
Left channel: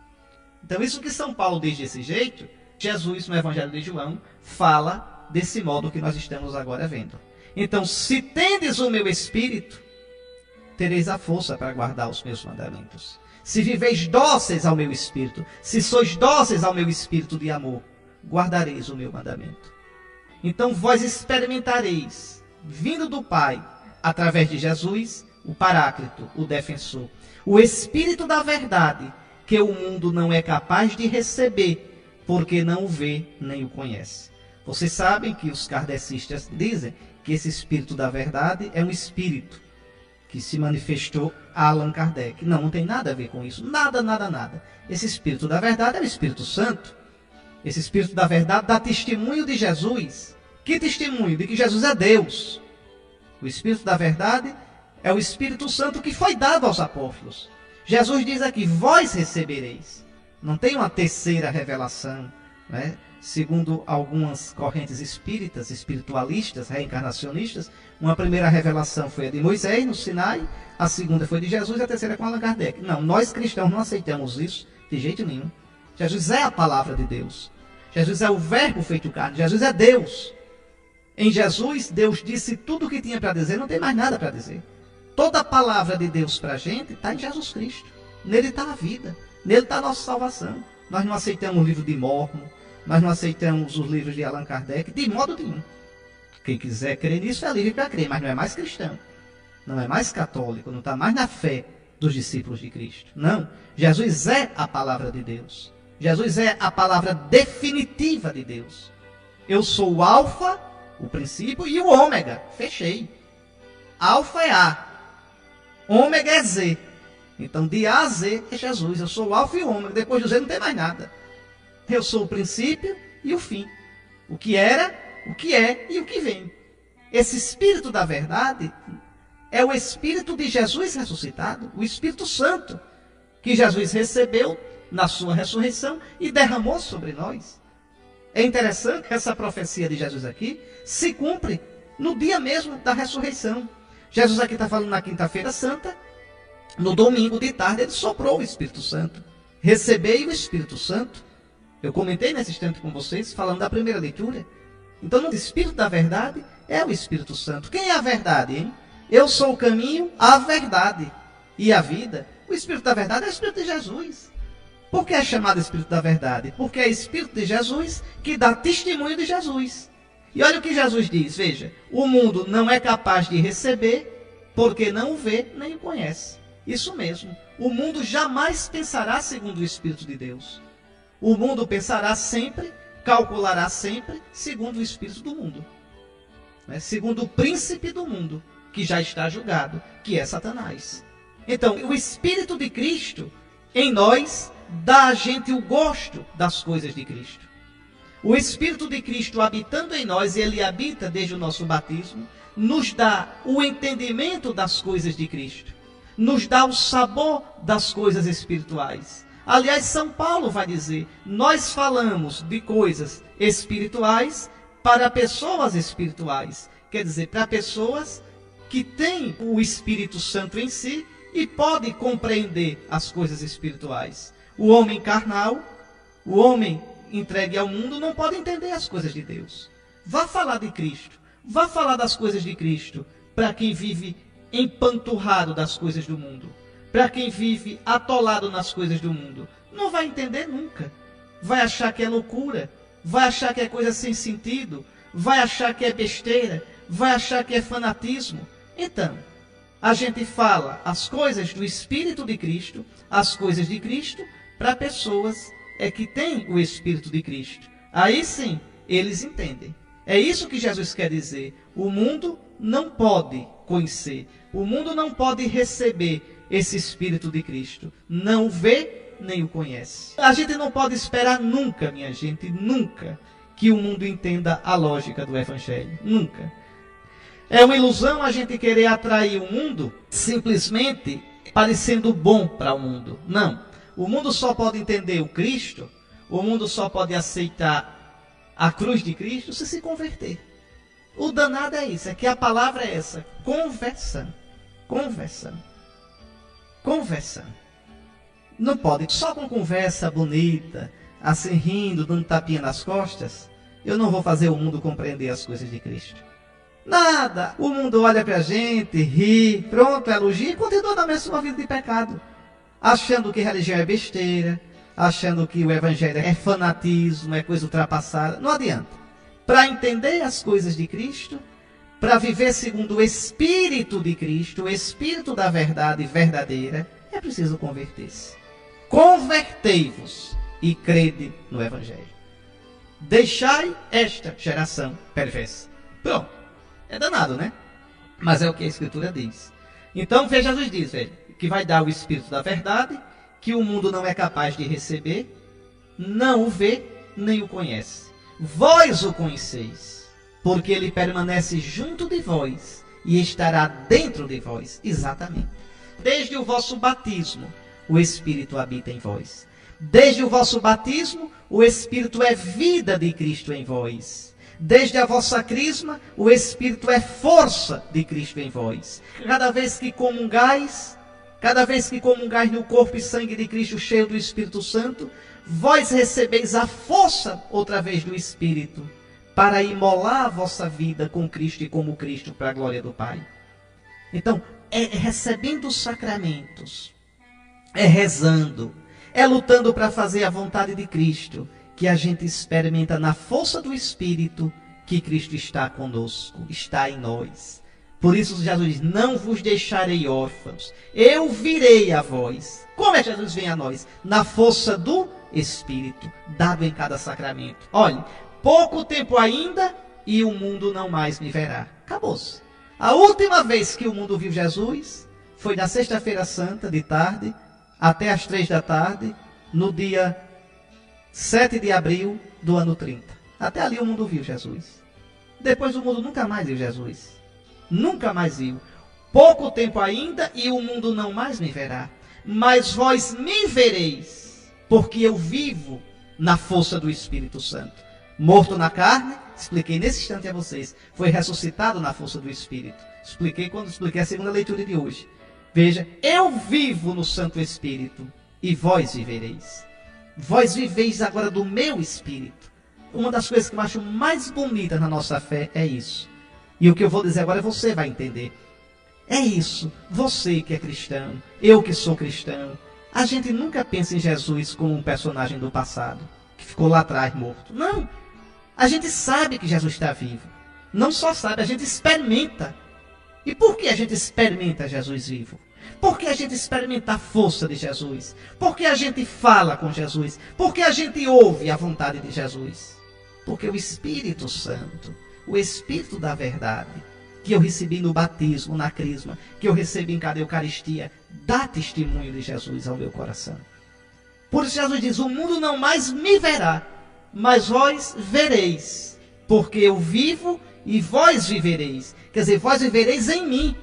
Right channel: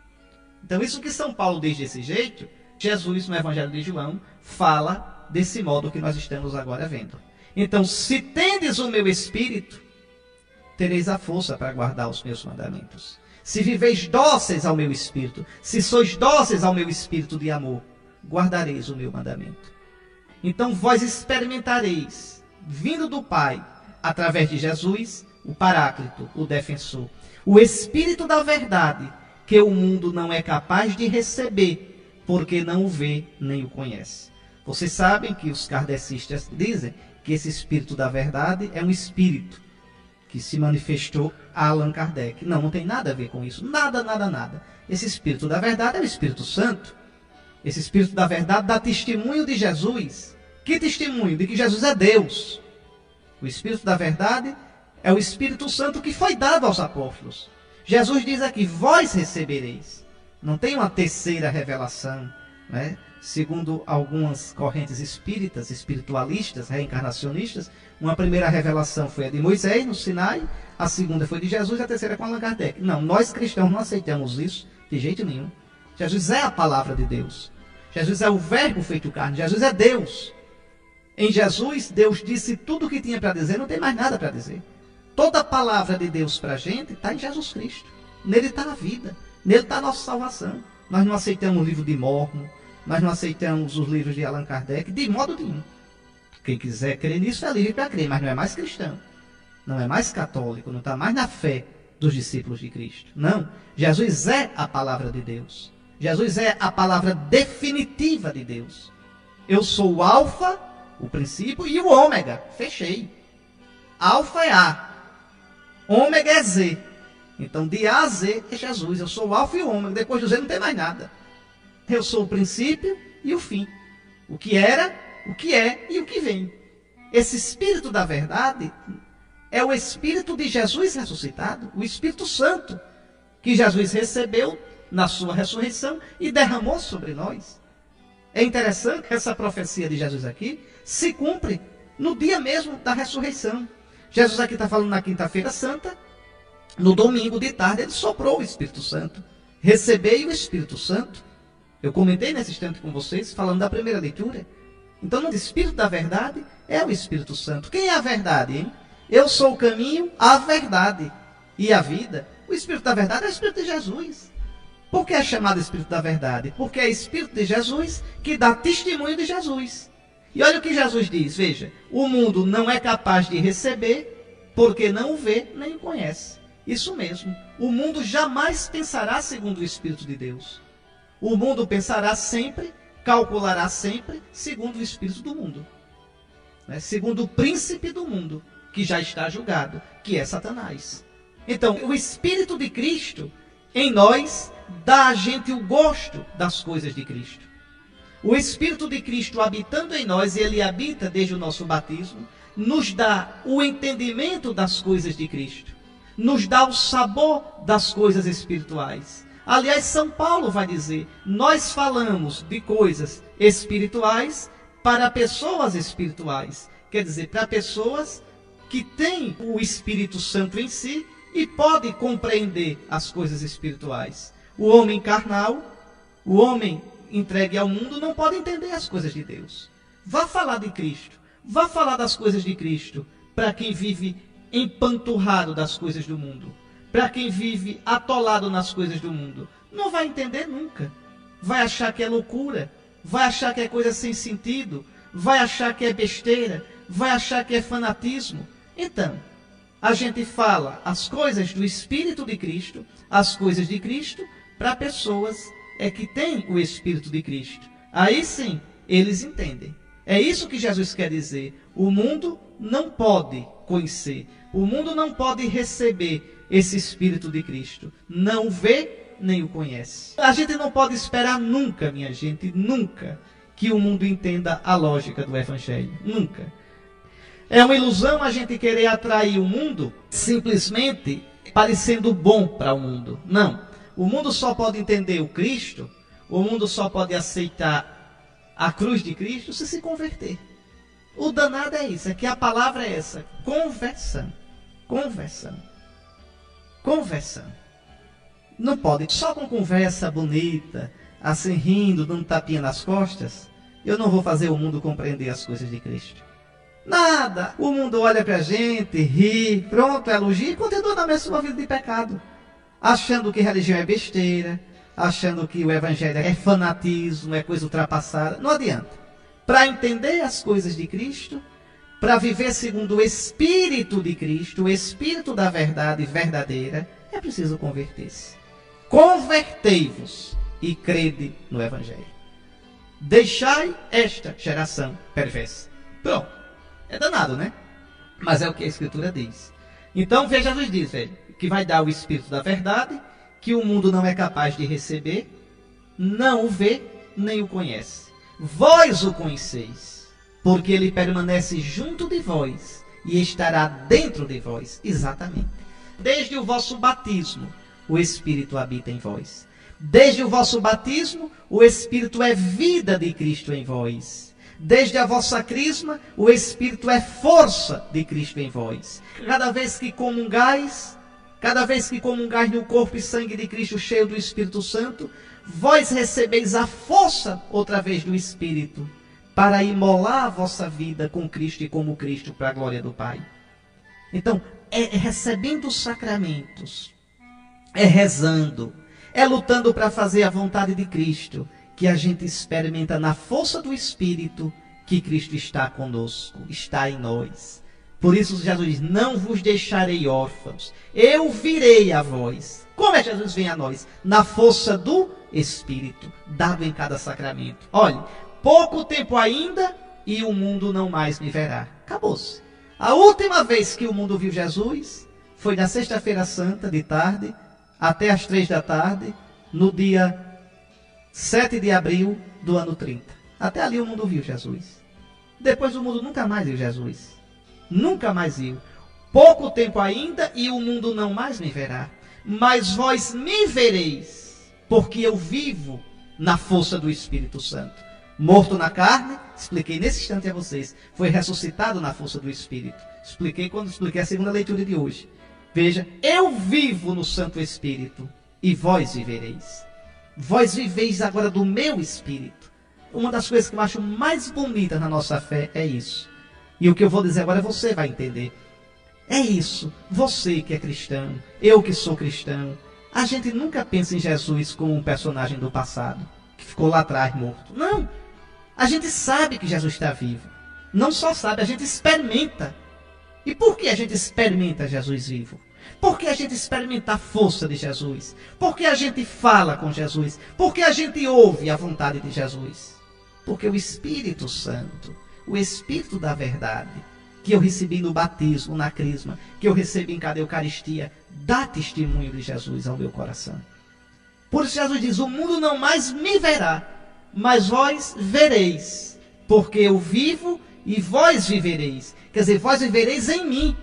Então isso que São Paulo diz desse jeito, Jesus no Evangelho de João fala desse modo que nós estamos agora vendo. Então, se tendes o meu Espírito, tereis a força para guardar os meus mandamentos. Se viveis dóceis ao meu espírito, se sois dóceis ao meu espírito de amor, guardareis o meu mandamento. Então vós experimentareis, vindo do Pai, através de Jesus, o Paráclito, o defensor, o Espírito da verdade, que o mundo não é capaz de receber, porque não o vê nem o conhece. Vocês sabem que os kardecistas dizem que esse Espírito da verdade é um Espírito que se manifestou a Allan Kardec. Não tem nada a ver com isso. Nada, nada, nada. Esse Espírito da verdade é o Espírito Santo. Esse Espírito da verdade dá testemunho de Jesus. Que testemunho? De que Jesus é Deus. O Espírito da verdade é o Espírito Santo que foi dado aos apóstolos. Jesus diz aqui, vós recebereis. Não tem uma terceira revelação, né? Segundo algumas correntes espíritas, espiritualistas, reencarnacionistas, uma primeira revelação foi a de Moisés, no Sinai, a segunda foi de Jesus e a terceira com Allan Kardec. Não, nós cristãos não aceitamos isso de jeito nenhum. Jesus é a palavra de Deus. Jesus é o verbo feito carne. Jesus é Deus. Em Jesus, Deus disse tudo o que tinha para dizer, não tem mais nada para dizer. Toda a palavra de Deus para a gente está em Jesus Cristo. Nele está a vida. Nele está a nossa salvação. Nós não aceitamos o livro de Mórmon. Nós não aceitamos os livros de Allan Kardec de modo nenhum. Quem quiser crer nisso é livre para crer, mas não é mais cristão. Não é mais católico, não está mais na fé dos discípulos de Cristo. Não. Jesus é a palavra de Deus. Jesus é a palavra definitiva de Deus. Eu sou o alfa, o princípio, e o ômega. Fechei. Alfa é A. Ômega é Z. Então, de A a Z é Jesus. Eu sou o alfa e o ômega. Depois do Z não tem mais nada. Eu sou o princípio e o fim. O que era, o que é e o que vem. Esse Espírito da verdade é o Espírito de Jesus ressuscitado, o Espírito Santo, que Jesus recebeu na sua ressurreição e derramou sobre nós. É interessante que essa profecia de Jesus aqui se cumpre no dia mesmo da ressurreição. Jesus aqui está falando na quinta-feira santa, no domingo de tarde ele soprou o Espírito Santo. Recebei o Espírito Santo. Eu comentei nesse instante com vocês, falando da primeira leitura. Então, o Espírito da verdade é o Espírito Santo. Quem é a verdade, hein? Eu sou o caminho, a verdade e a vida. O Espírito da verdade é o Espírito de Jesus. Por que é chamado Espírito da verdade? Porque é o Espírito de Jesus que dá testemunho de Jesus. E olha o que Jesus diz, veja. O mundo não é capaz de receber, porque não o vê nem o conhece. Isso mesmo. O mundo jamais pensará segundo o Espírito de Deus. O mundo pensará sempre, calculará sempre, segundo o espírito do mundo. Né? Segundo o príncipe do mundo, que já está julgado, que é Satanás. Então, o Espírito de Cristo, em nós, dá a gente o gosto das coisas de Cristo. O Espírito de Cristo habitando em nós, e ele habita desde o nosso batismo, nos dá o entendimento das coisas de Cristo. Nos dá o sabor das coisas espirituais. Aliás, São Paulo vai dizer, nós falamos de coisas espirituais para pessoas espirituais. Quer dizer, para pessoas que têm o Espírito Santo em si e podem compreender as coisas espirituais. O homem carnal, o homem entregue ao mundo, não pode entender as coisas de Deus. Vá falar de Cristo, vá falar das coisas de Cristo para quem vive empanturrado das coisas do mundo. Para quem vive atolado nas coisas do mundo, não vai entender nunca. Vai achar que é loucura, vai achar que é coisa sem sentido, vai achar que é besteira, vai achar que é fanatismo. Então, a gente fala as coisas do Espírito de Cristo, as coisas de Cristo, para pessoas que têm o Espírito de Cristo. Aí sim, eles entendem. É isso que Jesus quer dizer. O mundo não pode conhecer, o mundo não pode receber esse Espírito de Cristo. Não o vê, nem o conhece. A gente não pode esperar nunca, minha gente, nunca, que o mundo entenda a lógica do Evangelho. Nunca. É uma ilusão a gente querer atrair o mundo simplesmente parecendo bom para o mundo. Não. O mundo só pode entender o Cristo, o mundo só pode aceitar a cruz de Cristo se converter. O danado é isso, é que a palavra é essa, conversão. Conversão. Conversão. Não pode, só com conversa bonita, assim rindo, dando tapinha nas costas, eu não vou fazer o mundo compreender as coisas de Cristo. Nada. O mundo olha para a gente, ri, pronto, elogia e continua na mesma vida de pecado. Achando que religião é besteira, achando que o evangelho é fanatismo, é coisa ultrapassada. Não adianta. Para entender as coisas de Cristo, para viver segundo o Espírito de Cristo, o Espírito da verdade verdadeira, é preciso converter-se. Convertei-vos e crede no evangelho. Deixai esta geração perversa. Pronto. É danado, né? Mas é o que a Escritura diz. Então, veja, Jesus diz, velho, que vai dar o Espírito da verdade, que o mundo não é capaz de receber, não o vê, nem o conhece. Vós o conheceis, porque ele permanece junto de vós e estará dentro de vós, exatamente. Desde o vosso batismo, o Espírito habita em vós. Desde o vosso batismo, o Espírito é vida de Cristo em vós. Desde a vossa crisma, o Espírito é força de Cristo em vós. Cada vez que comungais no corpo e sangue de Cristo cheio do Espírito Santo, vós recebeis a força outra vez do Espírito para imolar a vossa vida com Cristo e como Cristo para a glória do Pai. Então, é recebendo os sacramentos, é rezando, é lutando para fazer a vontade de Cristo, que a gente experimenta na força do Espírito que Cristo está conosco, está em nós. Por isso Jesus diz, não vos deixarei órfãos, eu virei a vós. Como é que Jesus vem a nós? Na força do Espírito, dado em cada sacramento. Olhe, pouco tempo ainda e o mundo não mais me verá. Acabou-se. A última vez que o mundo viu Jesus foi na sexta-feira santa, de tarde, até às 3 da tarde, no dia 7 de abril do ano 30. Até ali o mundo viu Jesus. Depois o mundo nunca mais viu Jesus. Nunca mais viu. Pouco tempo ainda e o mundo não mais me verá. Mas vós me vereis, porque eu vivo na força do Espírito Santo. Morto na carne, expliquei nesse instante a vocês, foi ressuscitado na força do Espírito. Expliquei quando expliquei a segunda leitura de hoje. Veja, eu vivo no Santo Espírito e vós vivereis. Vós viveis agora do meu Espírito. Uma das coisas que eu acho mais bonitas na nossa fé é isso. E o que eu vou dizer agora você vai entender. É isso. Você que é cristão, eu que sou cristão, a gente nunca pensa em Jesus como um personagem do passado, que ficou lá atrás morto. Não. A gente sabe que Jesus está vivo. Não só sabe, a gente experimenta. E por que a gente experimenta Jesus vivo? Por que a gente experimenta a força de Jesus? Por que a gente fala com Jesus? Por que a gente ouve a vontade de Jesus? Porque o Espírito Santo, o Espírito da verdade, que eu recebi no batismo, na crisma, que eu recebi em cada Eucaristia, dá testemunho de Jesus ao meu coração. Por isso Jesus diz, o mundo não mais me verá, mas vós vereis, porque eu vivo e vós vivereis. Quer dizer, vós vivereis em mim,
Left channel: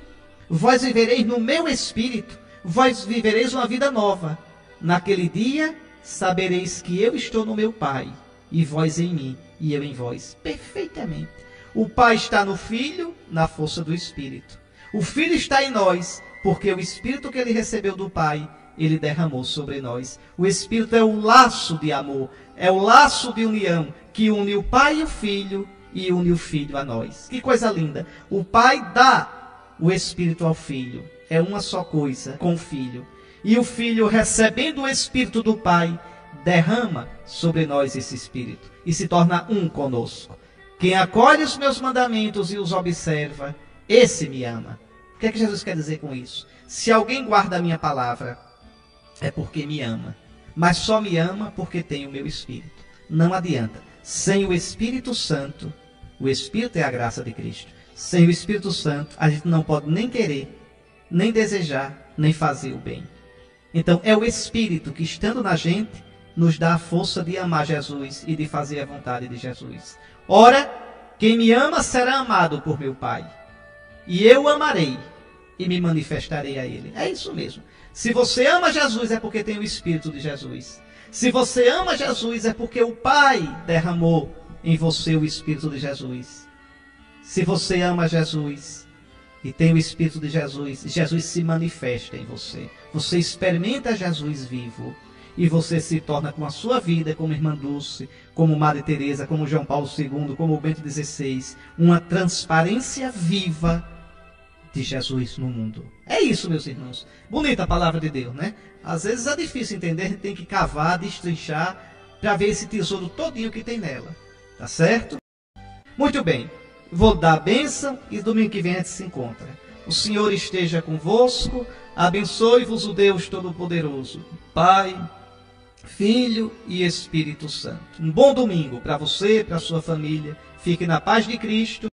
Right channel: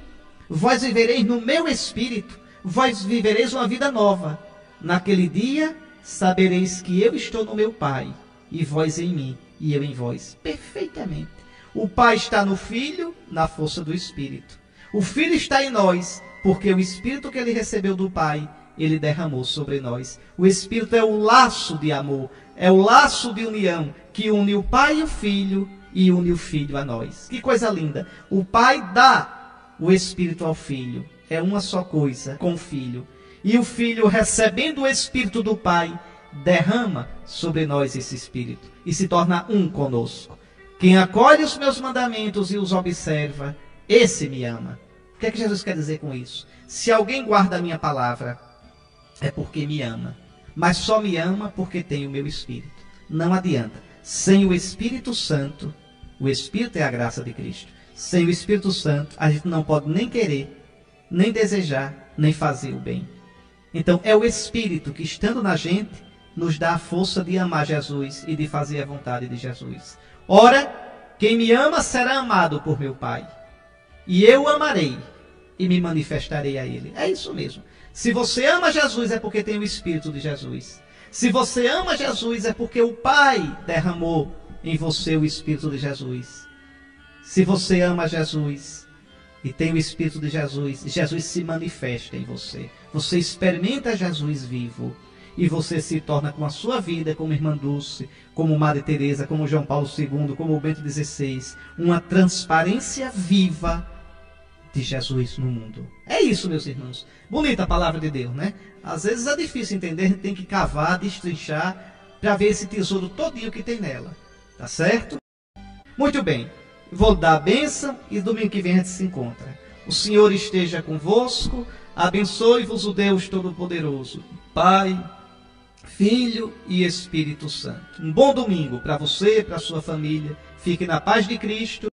vós vivereis no meu Espírito, vós vivereis uma vida nova. Naquele dia, sabereis que eu estou no meu Pai, e vós em mim, e eu em vós. Perfeitamente. O Pai está no Filho, na força do Espírito. O Filho está em nós, porque o Espírito que ele recebeu do Pai, ele derramou sobre nós. O Espírito é o laço de amor, é o laço de união, que une o Pai e o Filho, e une o Filho a nós. Que coisa linda. O Pai dá o Espírito ao Filho. É uma só coisa com o Filho. E o Filho, recebendo o Espírito do Pai, derrama sobre nós esse Espírito. E se torna um conosco. Quem acolhe os meus mandamentos e os observa, esse me ama. O que é que Jesus quer dizer com isso? Se alguém guarda a minha palavra, é porque me ama. Mas só me ama porque tem o meu Espírito. Não adianta. Sem o Espírito Santo, o Espírito é a graça de Cristo. Sem o Espírito Santo, a gente não pode nem querer, nem desejar, nem fazer o bem. Então, é o Espírito que, estando na gente, nos dá a força de amar Jesus e de fazer a vontade de Jesus. Ora, quem me ama será amado por meu Pai. E eu o amarei e me manifestarei a ele. É isso mesmo. Se você ama Jesus, é porque tem o Espírito de Jesus. Se você ama Jesus, é porque o Pai derramou em você o Espírito de Jesus. Se você ama Jesus e tem o Espírito de Jesus, Jesus se manifesta em você. Você experimenta Jesus vivo. e você se torna com a sua vida, como Irmã Dulce, como Madre Teresa, como João Paulo II, como o Bento XVI, uma transparência viva de Jesus no mundo. É isso, meus irmãos. Bonita a palavra de Deus, né? Às vezes é difícil entender, a gente tem que cavar, destrinchar, para ver esse tesouro todinho que tem nela. Tá certo? Muito bem. Vou dar a bênção e domingo que vem a gente se encontra. O Senhor esteja convosco, abençoe-vos o Deus Todo-Poderoso, Pai, Filho e Espírito Santo. Um bom domingo para você, para a sua família. Fique na paz de Cristo.